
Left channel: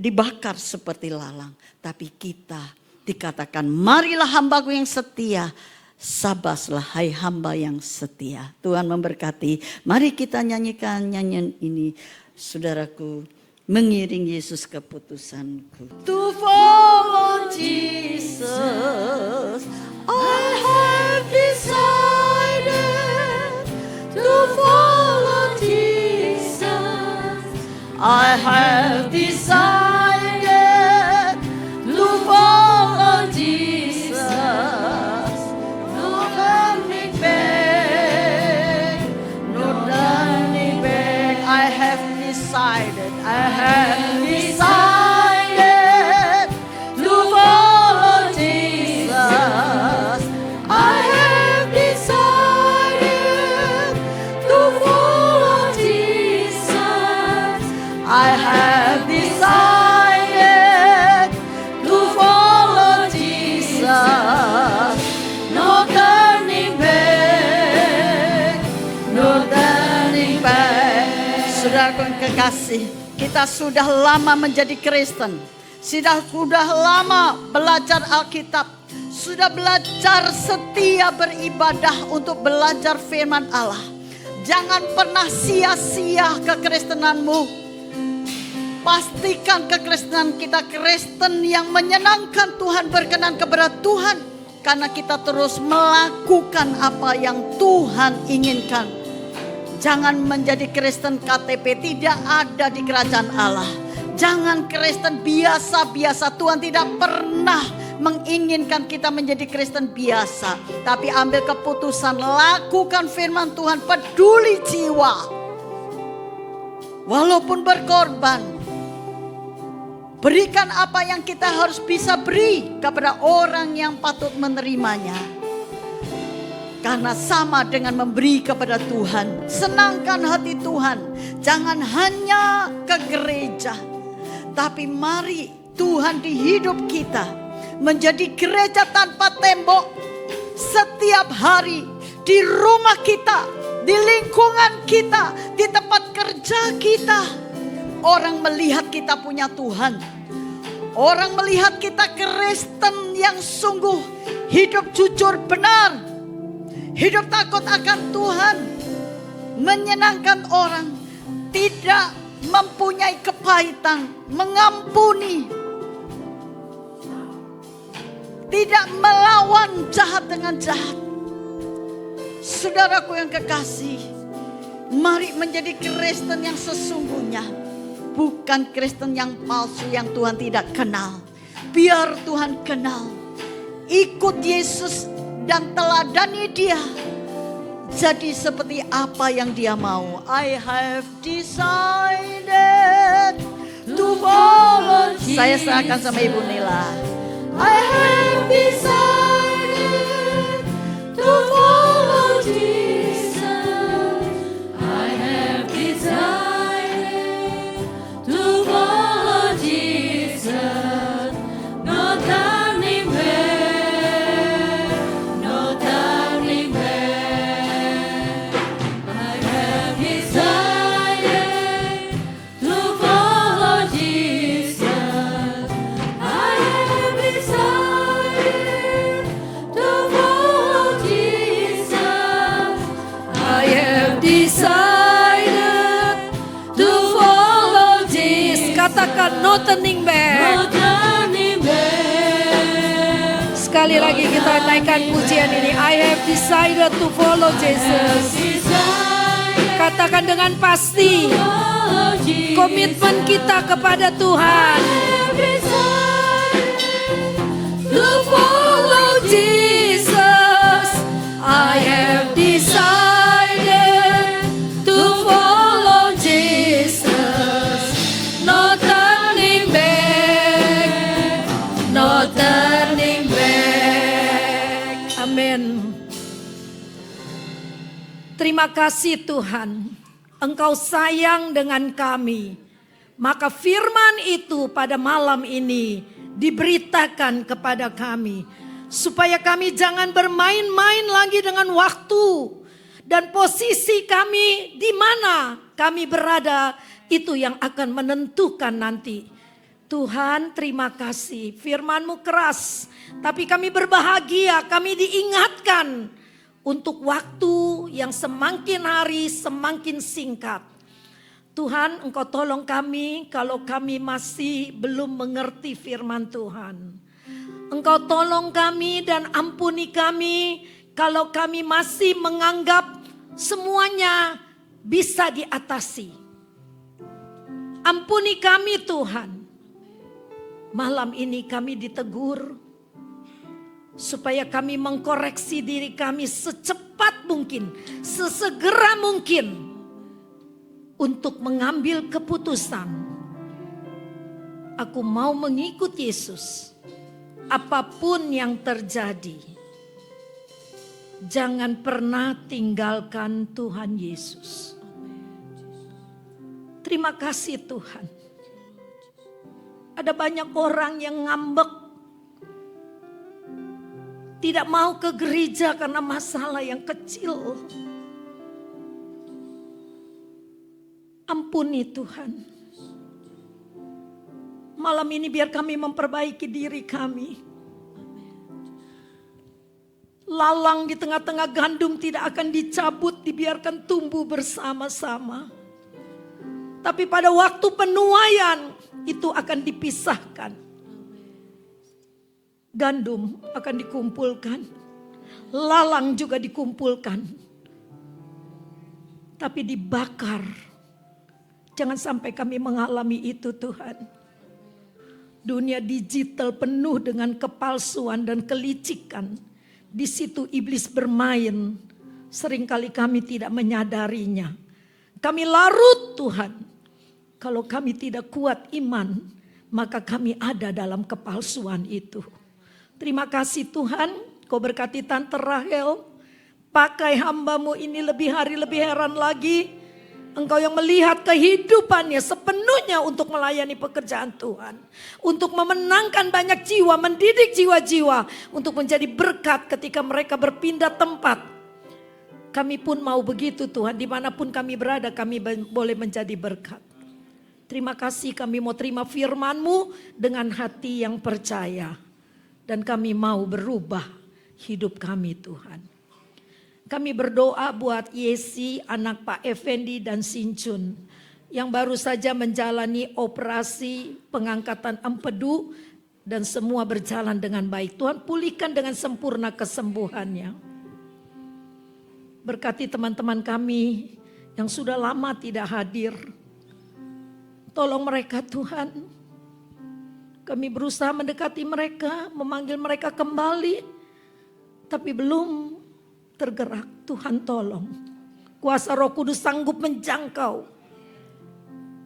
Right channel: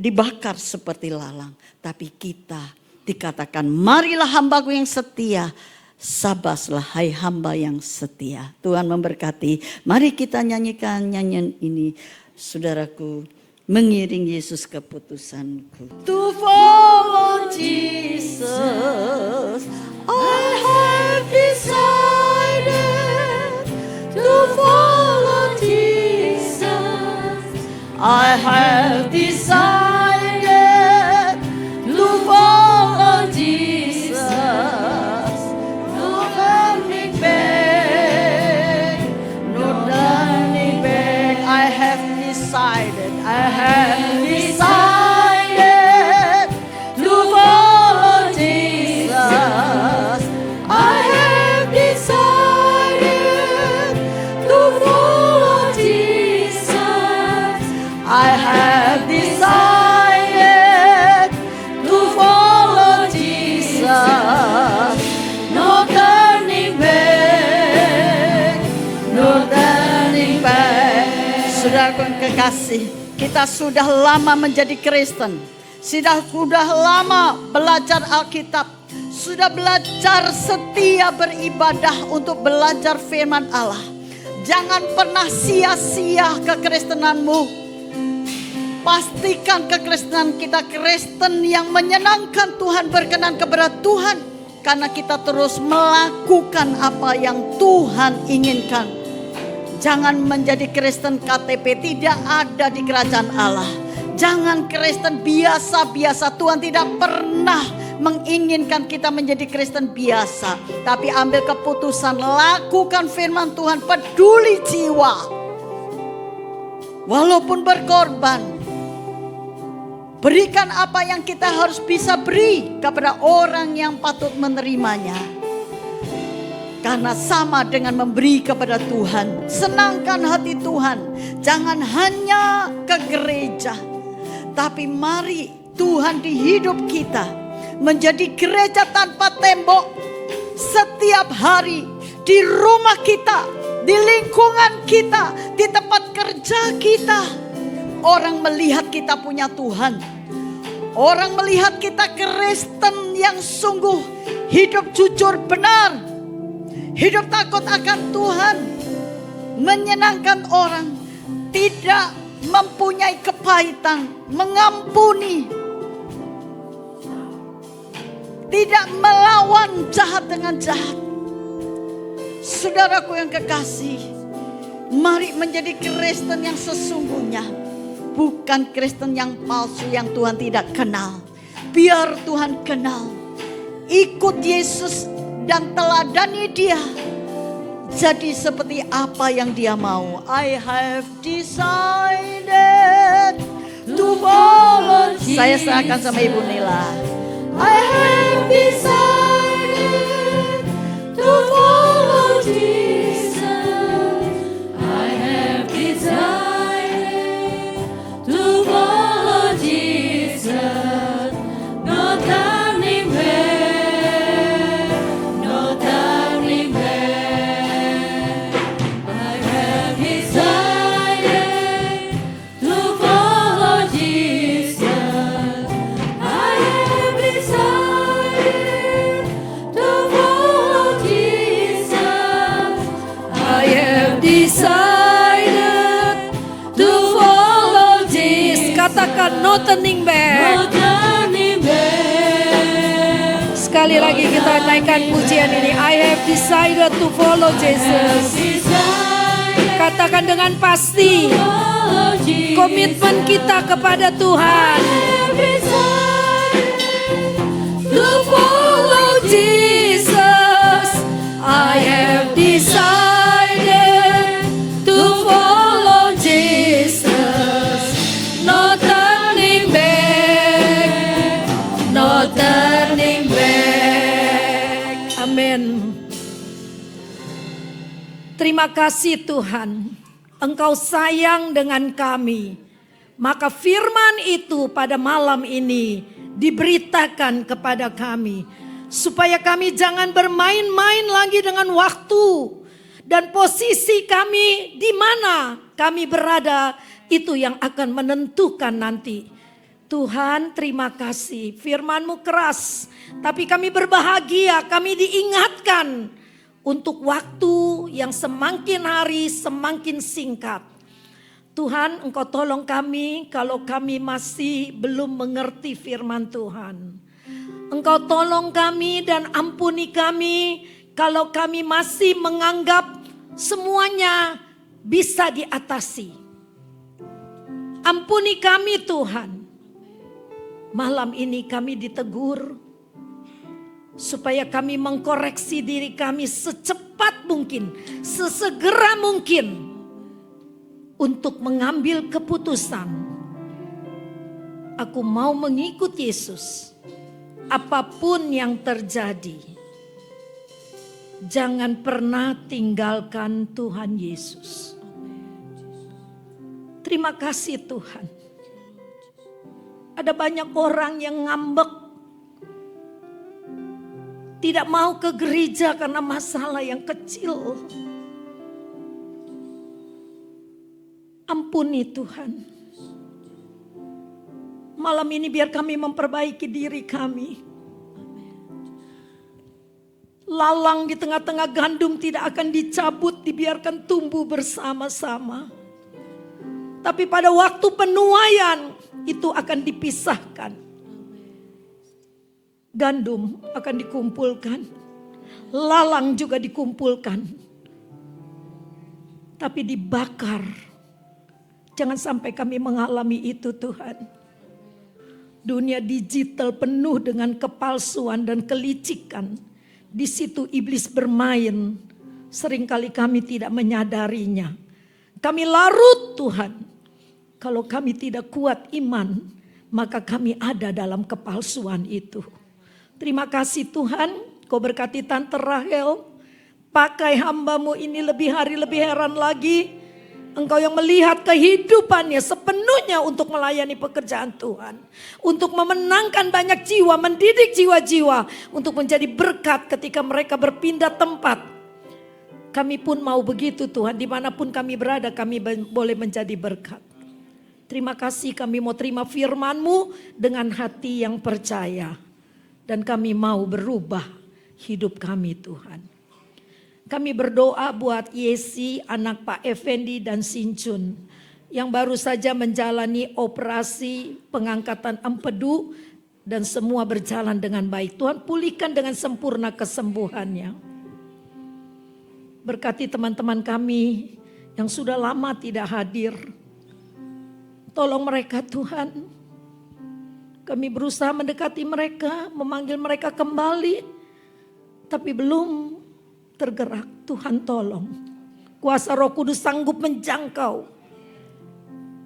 dibakar seperti lalang. Tapi kita dikatakan, marilah hambaku yang setia, sabaslah hai hamba yang setia. Tuhan memberkati. Mari kita nyanyikan nyanyian ini, saudaraku, mengiring Yesus keputusanku. To follow Jesus, I have decided. To follow Jesus, I have decided. To follow Jesus, no turning back, no turning back. I have decided, I have decided to follow Jesus. I have decided to follow Jesus. I have decided to follow Jesus. No turning back, no turning back. Saudaraku yang kekasih, kita sudah lama menjadi Kristen. Sudah lama belajar Alkitab. Sudah belajar setia beribadah untuk belajar firman Allah. Jangan pernah sia-sia kekristenanmu. Pastikan kekristenan kita Kristen yang menyenangkan Tuhan, berkenan kepada Tuhan. Karena kita terus melakukan apa yang Tuhan inginkan. Jangan menjadi Kristen KTP, tidak ada di kerajaan Allah. Jangan Kristen biasa-biasa. Tuhan tidak pernah menginginkan kita menjadi Kristen biasa. Tapi ambil keputusan, lakukan firman Tuhan, peduli jiwa. Walaupun berkorban, berikan apa yang kita harus bisa beri kepada orang yang patut menerimanya. Karena sama dengan memberi kepada Tuhan. Senangkan hati Tuhan. Jangan hanya ke gereja. Tapi mari Tuhan di hidup kita menjadi gereja tanpa tembok. Setiap hari di rumah kita, di lingkungan kita, di tempat kerja kita. Orang melihat kita punya Tuhan. Orang melihat kita Kristen yang sungguh hidup jujur benar. Hidup takut akan Tuhan, menyenangkan orang, tidak mempunyai kepahitan, mengampuni, tidak melawan jahat dengan jahat. Saudaraku yang kekasih, mari menjadi Kristen yang sesungguhnya, bukan Kristen yang palsu yang Tuhan tidak kenal. Biar Tuhan kenal, ikut Yesus dan teladani dia. Jadi seperti apa yang dia mau. I have decided to follow Jesus. Saya serahkan sama Ibu Nila. I have decided to follow Jesus. I have decided to follow Jesus. No turning back. No turning back. Sekali lagi kita naikkan pujian ini. I have decided to follow Jesus. Katakan dengan pasti komitmen kita kepada Tuhan. kasih Tuhan, Engkau sayang dengan kami. Maka firman itu pada malam ini diberitakan kepada kami. Supaya kami jangan bermain-main lagi dengan waktu. Dan posisi kami di mana kami berada itu yang akan menentukan nanti. Tuhan, terima kasih, firman-Mu keras, tapi kami berbahagia, kami diingatkan untuk waktu yang semakin hari semakin singkat. Tuhan, Engkau tolong kami kalau kami masih belum mengerti firman Tuhan. Engkau tolong kami dan ampuni kami kalau kami masih menganggap semuanya bisa diatasi. Ampuni kami Tuhan. Malam ini kami ditegur supaya kami mengkoreksi diri kami secepat mungkin, sesegera mungkin untuk mengambil keputusan. Aku mau mengikut Yesus apapun yang terjadi. Jangan pernah tinggalkan Tuhan Yesus. Terima kasih Tuhan. Ada banyak orang yang ngambek, tidak mau ke gereja karena masalah yang kecil. Ampuni Tuhan. Malam ini biar kami memperbaiki diri kami. Lalang di tengah-tengah gandum tidak akan dicabut, dibiarkan tumbuh bersama-sama. Tapi pada waktu penuaian itu akan dipisahkan. Gandum akan dikumpulkan, lalang juga dikumpulkan. Tapi dibakar. Jangan sampai kami mengalami itu Tuhan. Dunia digital penuh dengan kepalsuan dan kelicikan. Di situ iblis bermain. Seringkali kami tidak menyadarinya. Kami larut Tuhan. Kalau kami tidak kuat iman, maka kami ada dalam kepalsuan itu. Terima kasih Tuhan, Kau berkati Tante Rahel. Pakai hamba-Mu ini lebih hari lebih heran lagi. Engkau yang melihat kehidupannya sepenuhnya untuk melayani pekerjaan Tuhan. Untuk memenangkan banyak jiwa, mendidik jiwa-jiwa. Untuk menjadi berkat ketika mereka berpindah tempat. Kami pun mau begitu Tuhan, dimanapun kami berada kami boleh menjadi berkat. Terima kasih, kami mau terima firman-Mu dengan hati yang percaya. Dan kami mau berubah hidup kami Tuhan. Kami berdoa buat Yesi, anak Pak Effendi dan Sincun. Yang baru saja menjalani operasi pengangkatan empedu. Dan semua berjalan dengan baik. Tuhan pulihkan dengan sempurna kesembuhannya. Berkati teman-teman kami yang sudah lama tidak hadir. Tolong mereka Tuhan. Kami berusaha mendekati mereka, memanggil mereka kembali. Tapi belum tergerak. Tuhan tolong. Kuasa Roh Kudus sanggup menjangkau.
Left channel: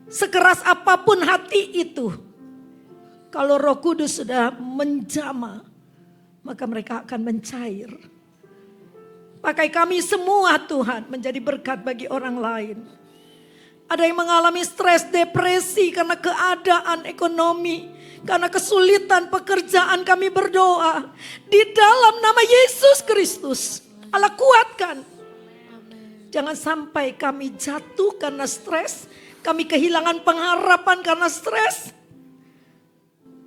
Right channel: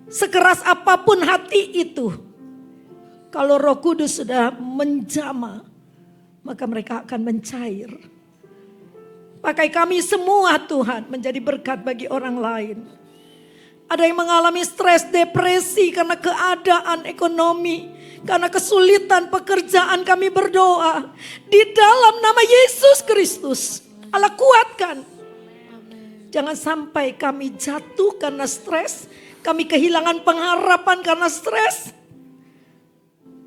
Sekeras apapun hati itu. Kalau Roh Kudus sudah menjamah, maka mereka akan mencair. Pakai kami semua Tuhan menjadi berkat bagi orang lain. Ada yang mengalami stres, depresi karena keadaan ekonomi. Karena kesulitan pekerjaan kami berdoa. Di dalam nama Yesus Kristus. Allah kuatkan. Jangan sampai kami jatuh karena stres. Kami kehilangan pengharapan karena stres.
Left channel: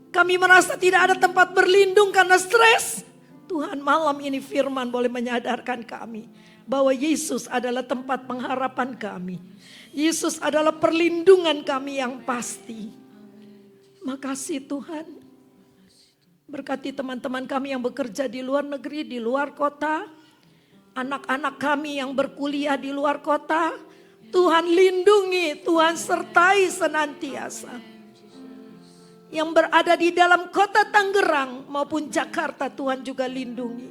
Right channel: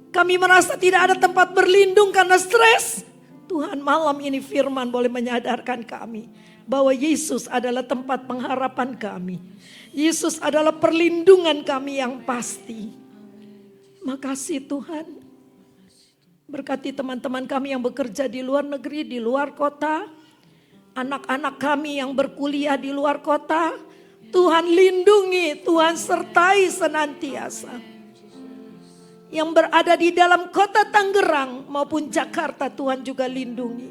Kami merasa tidak ada tempat berlindung karena stres. Tuhan, malam ini firman boleh menyadarkan kami. Bahwa Yesus adalah tempat pengharapan kami. Yesus adalah perlindungan kami yang pasti. Makasih Tuhan. Berkati teman-teman kami yang bekerja di luar negeri, di luar kota. Anak-anak kami yang berkuliah di luar kota. Tuhan lindungi, Tuhan sertai senantiasa. Yang berada di dalam kota Tangerang maupun Jakarta, Tuhan juga lindungi.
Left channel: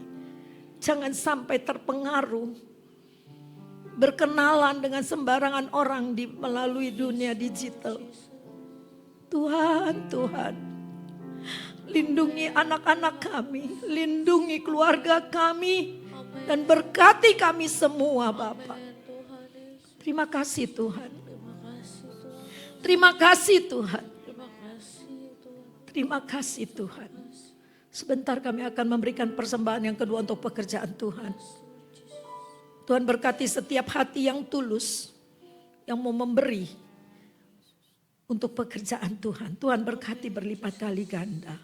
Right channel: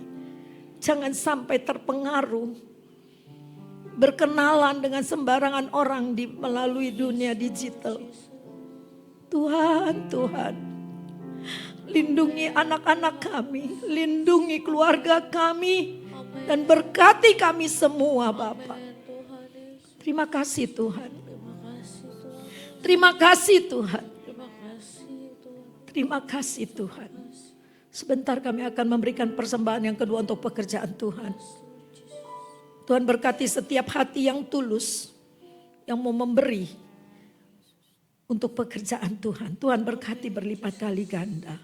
Jangan sampai terpengaruh. Berkenalan dengan sembarangan orang melalui dunia digital. Tuhan, Tuhan. Lindungi anak-anak kami. Lindungi keluarga kami. Dan berkati kami semua Bapa. Terima kasih Tuhan. Terima kasih Tuhan. Terima kasih Tuhan. Sebentar kami akan memberikan persembahan yang kedua untuk pekerjaan Tuhan. Tuhan berkati setiap hati yang tulus, yang mau memberi untuk pekerjaan Tuhan. Tuhan berkati berlipat kali ganda.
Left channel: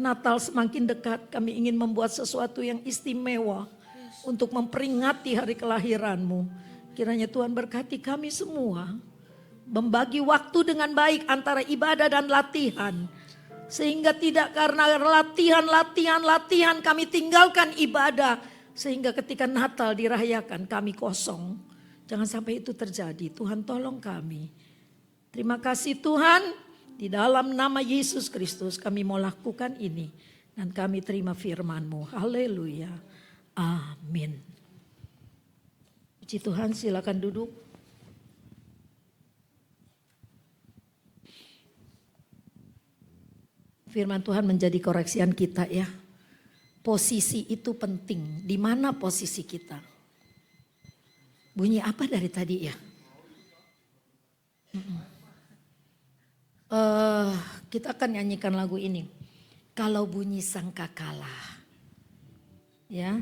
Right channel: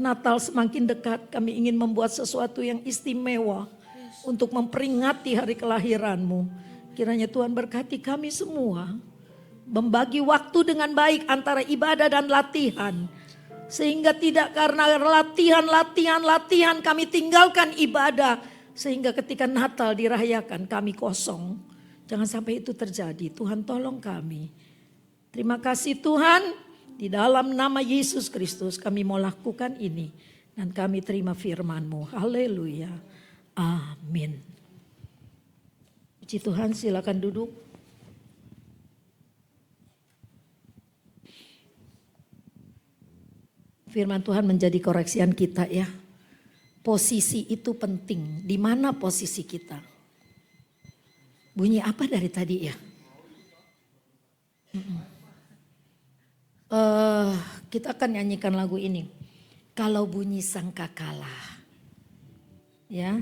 Natal semakin dekat, kami ingin membuat sesuatu yang istimewa untuk memperingati hari kelahiran-Mu. Kiranya Tuhan berkati kami semua, membagi waktu dengan baik antara ibadah dan latihan. Sehingga tidak karena latihan kami tinggalkan ibadah. Sehingga ketika Natal dirayakan kami kosong. Jangan sampai itu terjadi. Tuhan tolong kami. Terima kasih Tuhan. Di dalam nama Yesus Kristus kami mau lakukan ini. Dan kami terima firman-Mu. Haleluya. Amin. Puji Tuhan, silakan duduk. Firman Tuhan menjadi koreksian kita ya. Posisi itu penting. Di mana posisi kita? Bunyi apa dari tadi ya? Kita akan nyanyikan lagu ini. Kalau bunyi sangkakala. Ya.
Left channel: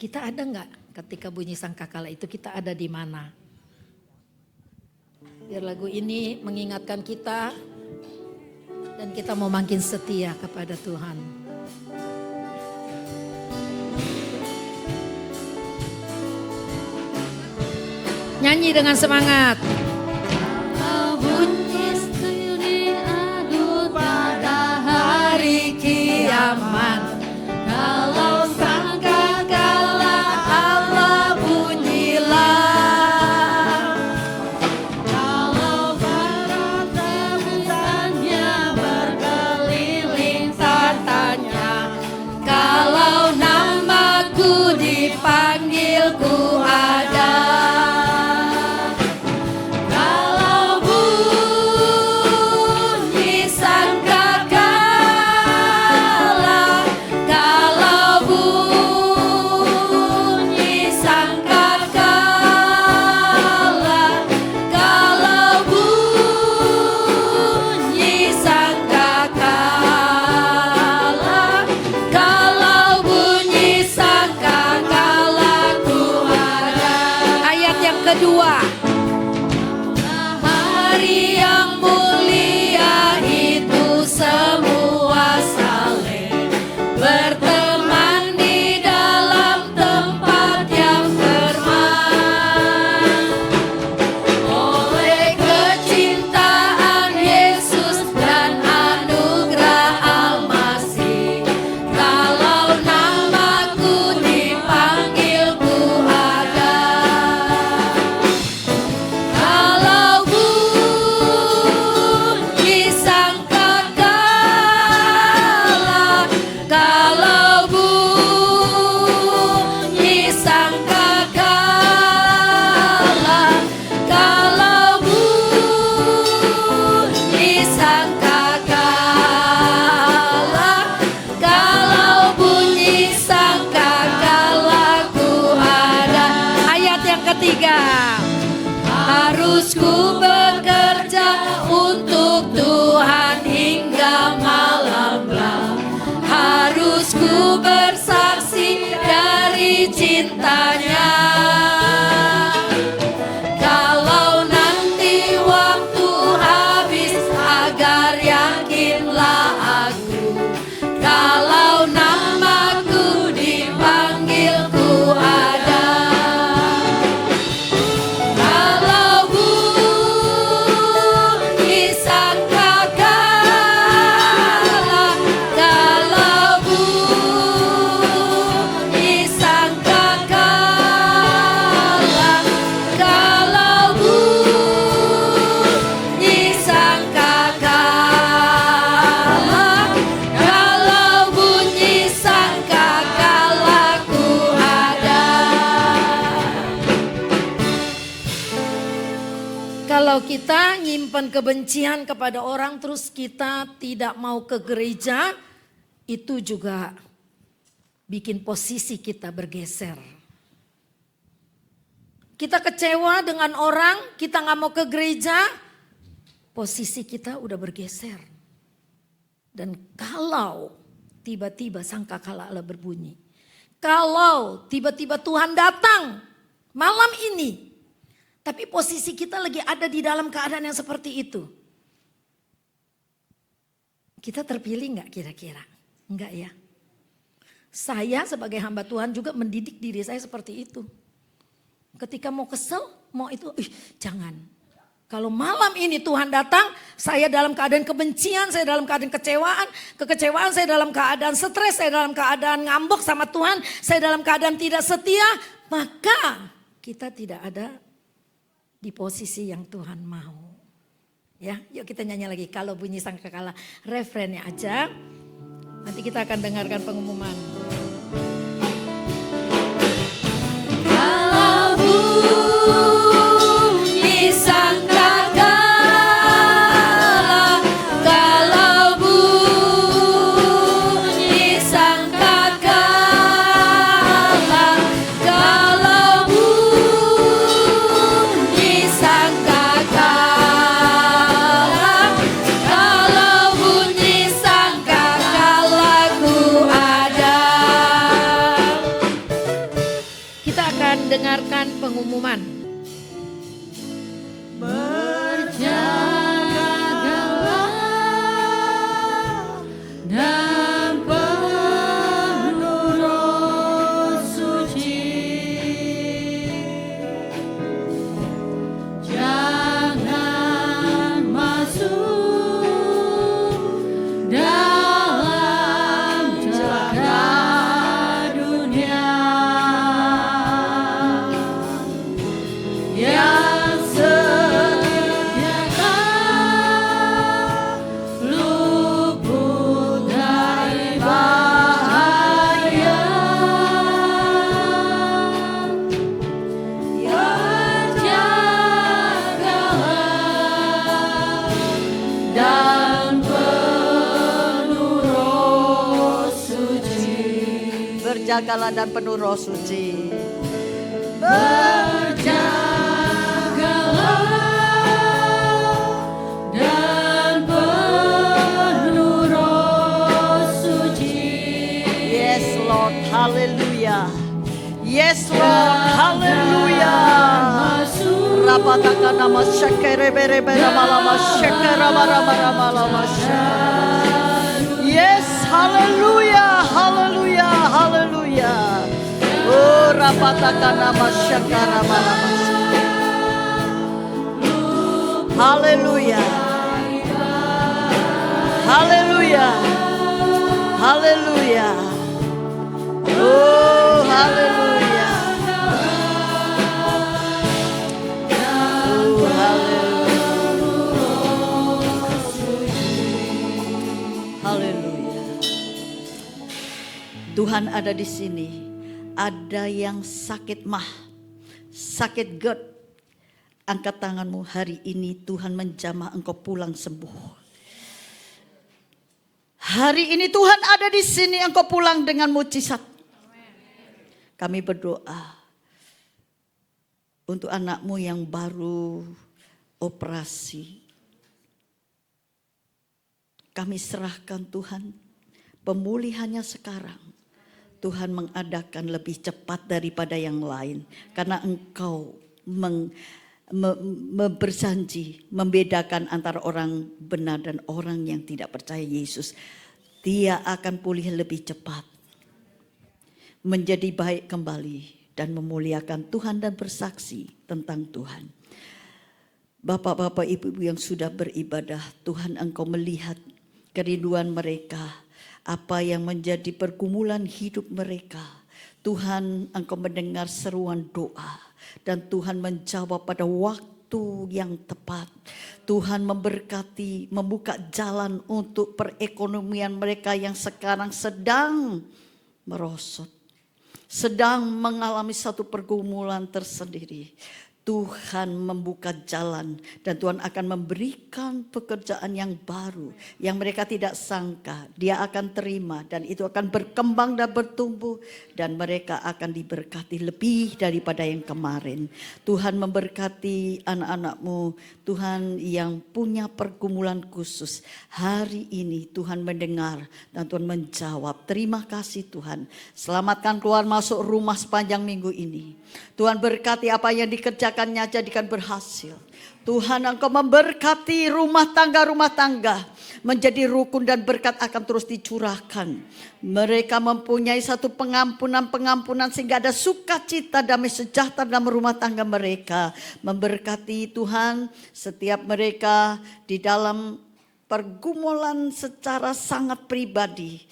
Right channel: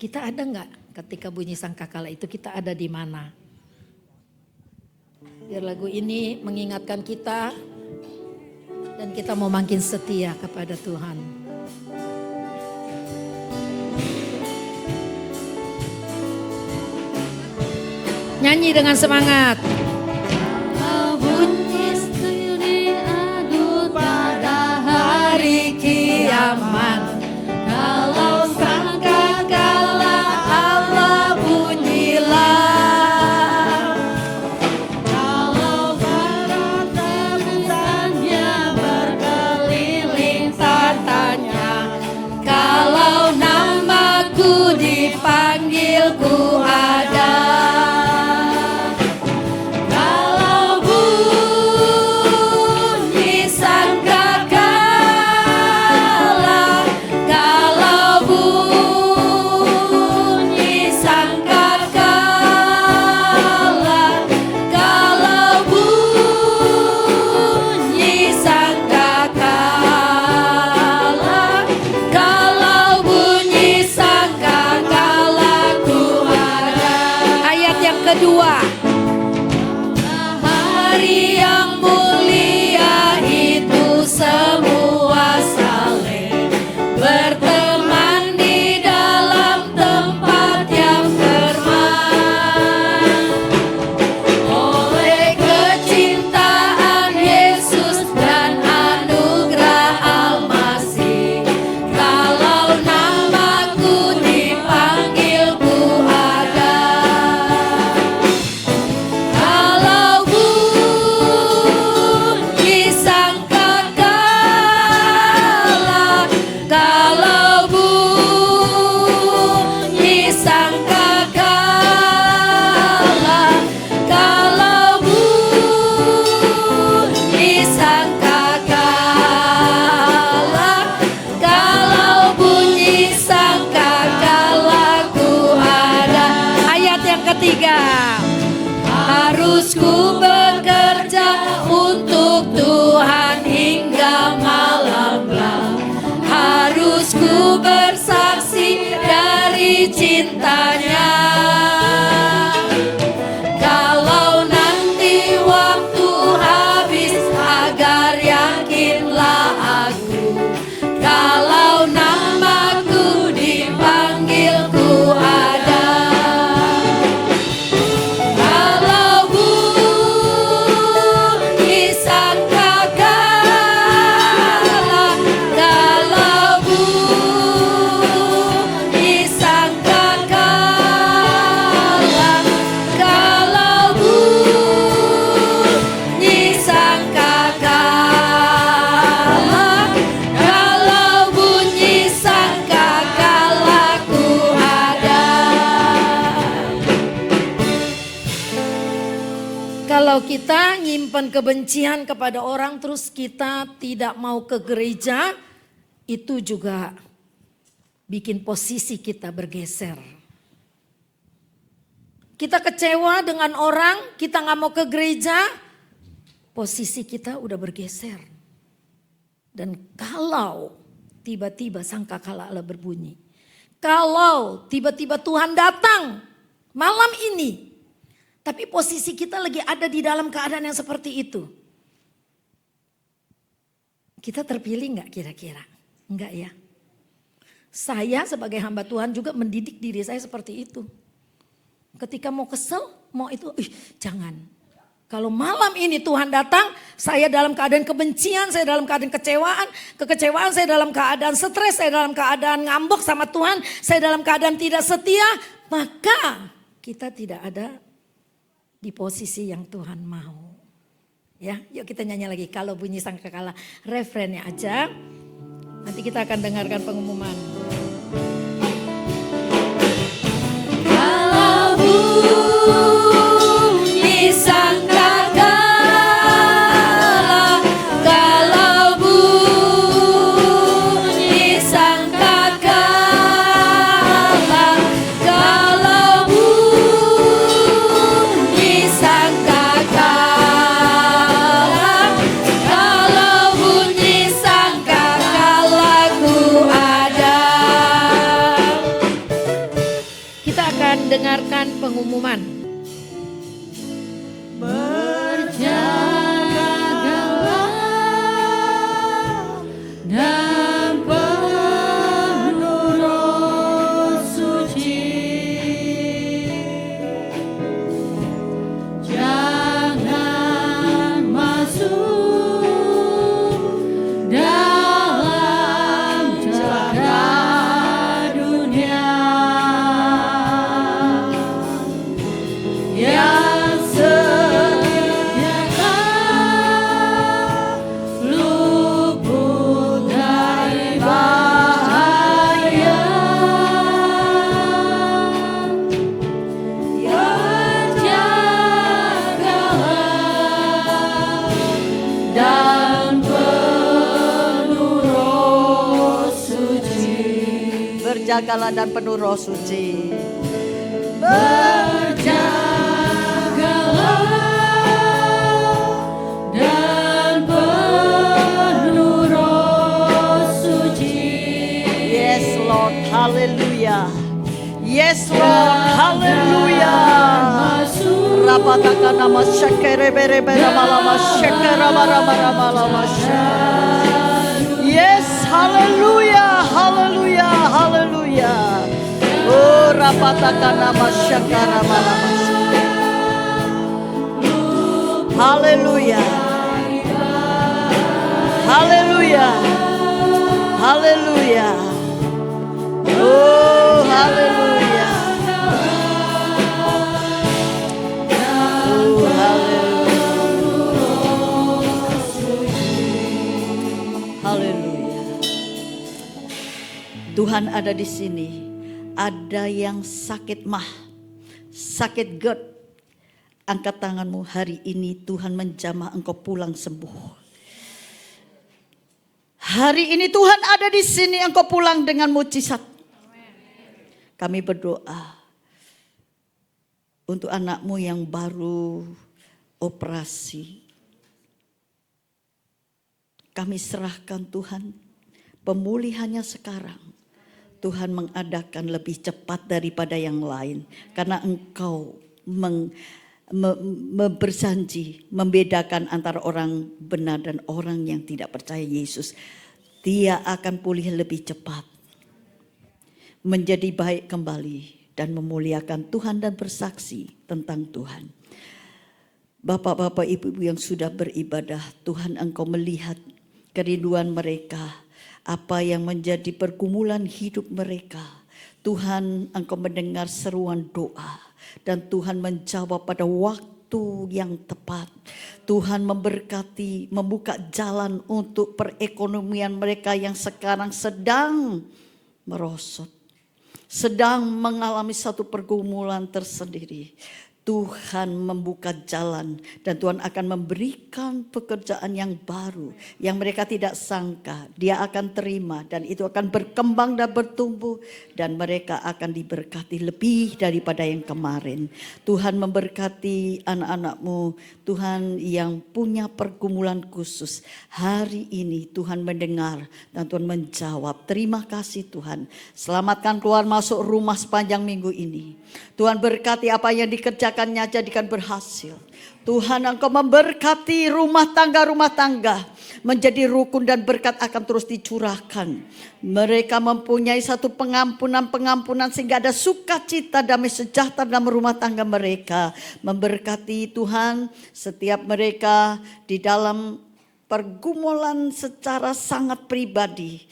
Kita ada nggak ketika bunyi sangkakala itu kita ada di mana? Biar lagu ini mengingatkan kita dan kita mau makin setia kepada Tuhan. Nyanyi dengan semangat. Kita nyimpan kebencian kepada orang terus kita tidak mau ke gereja, itu juga bikin posisi kita bergeser. kita kecewa dengan orang, kita gak mau ke gereja, posisi kita udah bergeser. Dan kalau tiba-tiba sangkakala Allah berbunyi, kalau tiba-tiba Tuhan datang malam ini, tapi posisi kita lagi ada di dalam keadaan yang seperti itu, kita terpilih gak kira-kira? Enggak ya. Saya sebagai hamba Tuhan juga mendidik diri saya seperti itu. Ketika mau kesel, mau itu, jangan. Kalau malam ini Tuhan datang, saya dalam keadaan kebencian, saya dalam keadaan kekecewaan, saya dalam keadaan stres, saya dalam keadaan ngambek sama Tuhan, saya dalam keadaan tidak setia, maka kita tidak ada di posisi yang Tuhan mau. Ya, yuk kita nyanyi lagi. Kalau bunyi sangkakala, refrennya aja. Nanti kita akan dengarkan pengumuman. Kalau bunyi sangkakala, kalau bunyi sangkakala, kalau bunyi sangkakala, kalau bunyi sangkakala ku ada. Kita akan dengarkan pengumuman. Berjagalah dan penuh Roh Suci. Jangan masuk dalam jagat dunia yang sediakan luput dari bahaya. Berjagalah dan penuh Roh Suci. Berjagalah dan penuh Roh Suci. Berjagalah dan penuh Roh Suci. Yes Lord, haleluya. Yes Lord, haleluya. Rapataka nama syakere bere bere malama syakera marama malama. Yes, haleluya, haleluya, haleluya. Oh, rapataka nama syakera malama. Haleluya. Haleluya. Haleluya. Oh, haleluya. Oh, haleluya. Tuhan ada di sini. Ada yang sakit sakit GERD. Angkat tanganmu hari ini, Tuhan menjamah engkau pulang sembuh. Hari ini Tuhan ada di sini, engkau pulang dengan mujizat. Kami berdoa untuk anakmu yang baru operasi. Kami serahkan Tuhan pemulihannya sekarang. Tuhan mengadakan lebih cepat daripada yang lain. Karena engkau berjanji membedakan antara orang benar dan orang yang tidak percaya Yesus. Dia akan pulih lebih cepat, menjadi baik kembali dan memuliakan Tuhan dan bersaksi tentang Tuhan. Bapak-bapak, ibu-ibu yang sudah beribadah, Tuhan engkau melihat kerinduan mereka, apa yang menjadi pergumulan hidup mereka. Tuhan engkau mendengar seruan doa dan Tuhan menjawab pada waktu yang tepat. Tuhan memberkati, membuka jalan untuk perekonomian mereka yang sekarang sedang merosot, sedang mengalami satu pergumulan tersendiri. Tuhan membuka jalan dan Tuhan akan memberikan pekerjaan yang baru yang mereka tidak sangka dia akan terima, dan itu akan berkembang dan bertumbuh dan mereka akan diberkati lebih daripada yang kemarin. Tuhan memberkati anak-anak-Mu, Tuhan yang punya pergumulan khusus. Hari ini Tuhan mendengar dan Tuhan menjawab. Terima kasih Tuhan. Selamatkan keluar masuk rumah sepanjang minggu ini. Tuhan berkati apa yang dikerjakannya jadikan berhasil. Tuhan, Engkau memberkati rumah tangga menjadi rukun dan berkat akan terus dicurahkan. Mereka mempunyai satu pengampunan sehingga ada sukacita, damai sejahtera dalam rumah tangga mereka. Memberkati Tuhan setiap mereka di dalam pergumulan secara sangat pribadi.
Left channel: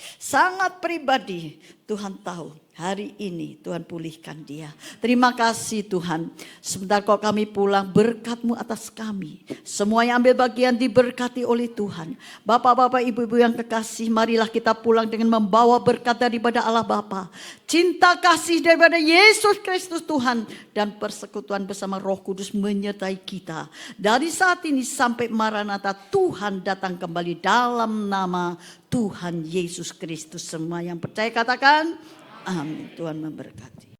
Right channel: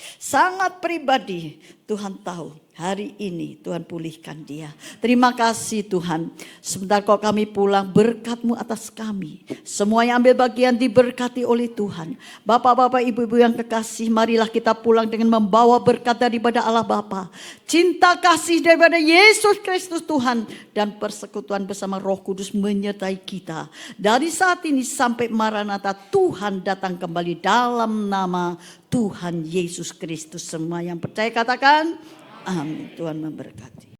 Tuhan tahu. Hari ini Tuhan pulihkan dia. Terima kasih Tuhan. Sebentar kau kami pulang, berkat-Mu atas kami. Semua yang ambil bagian diberkati oleh Tuhan. Bapak-bapak, ibu-ibu yang kekasih, marilah kita pulang dengan membawa berkat daripada Allah Bapa, cinta kasih daripada Yesus Kristus Tuhan, dan persekutuan bersama Roh Kudus menyertai kita. Dari saat ini sampai Maranatha, Tuhan datang kembali dalam nama Tuhan Yesus Kristus. Semua yang percaya katakan amin. Tuhan memberkati.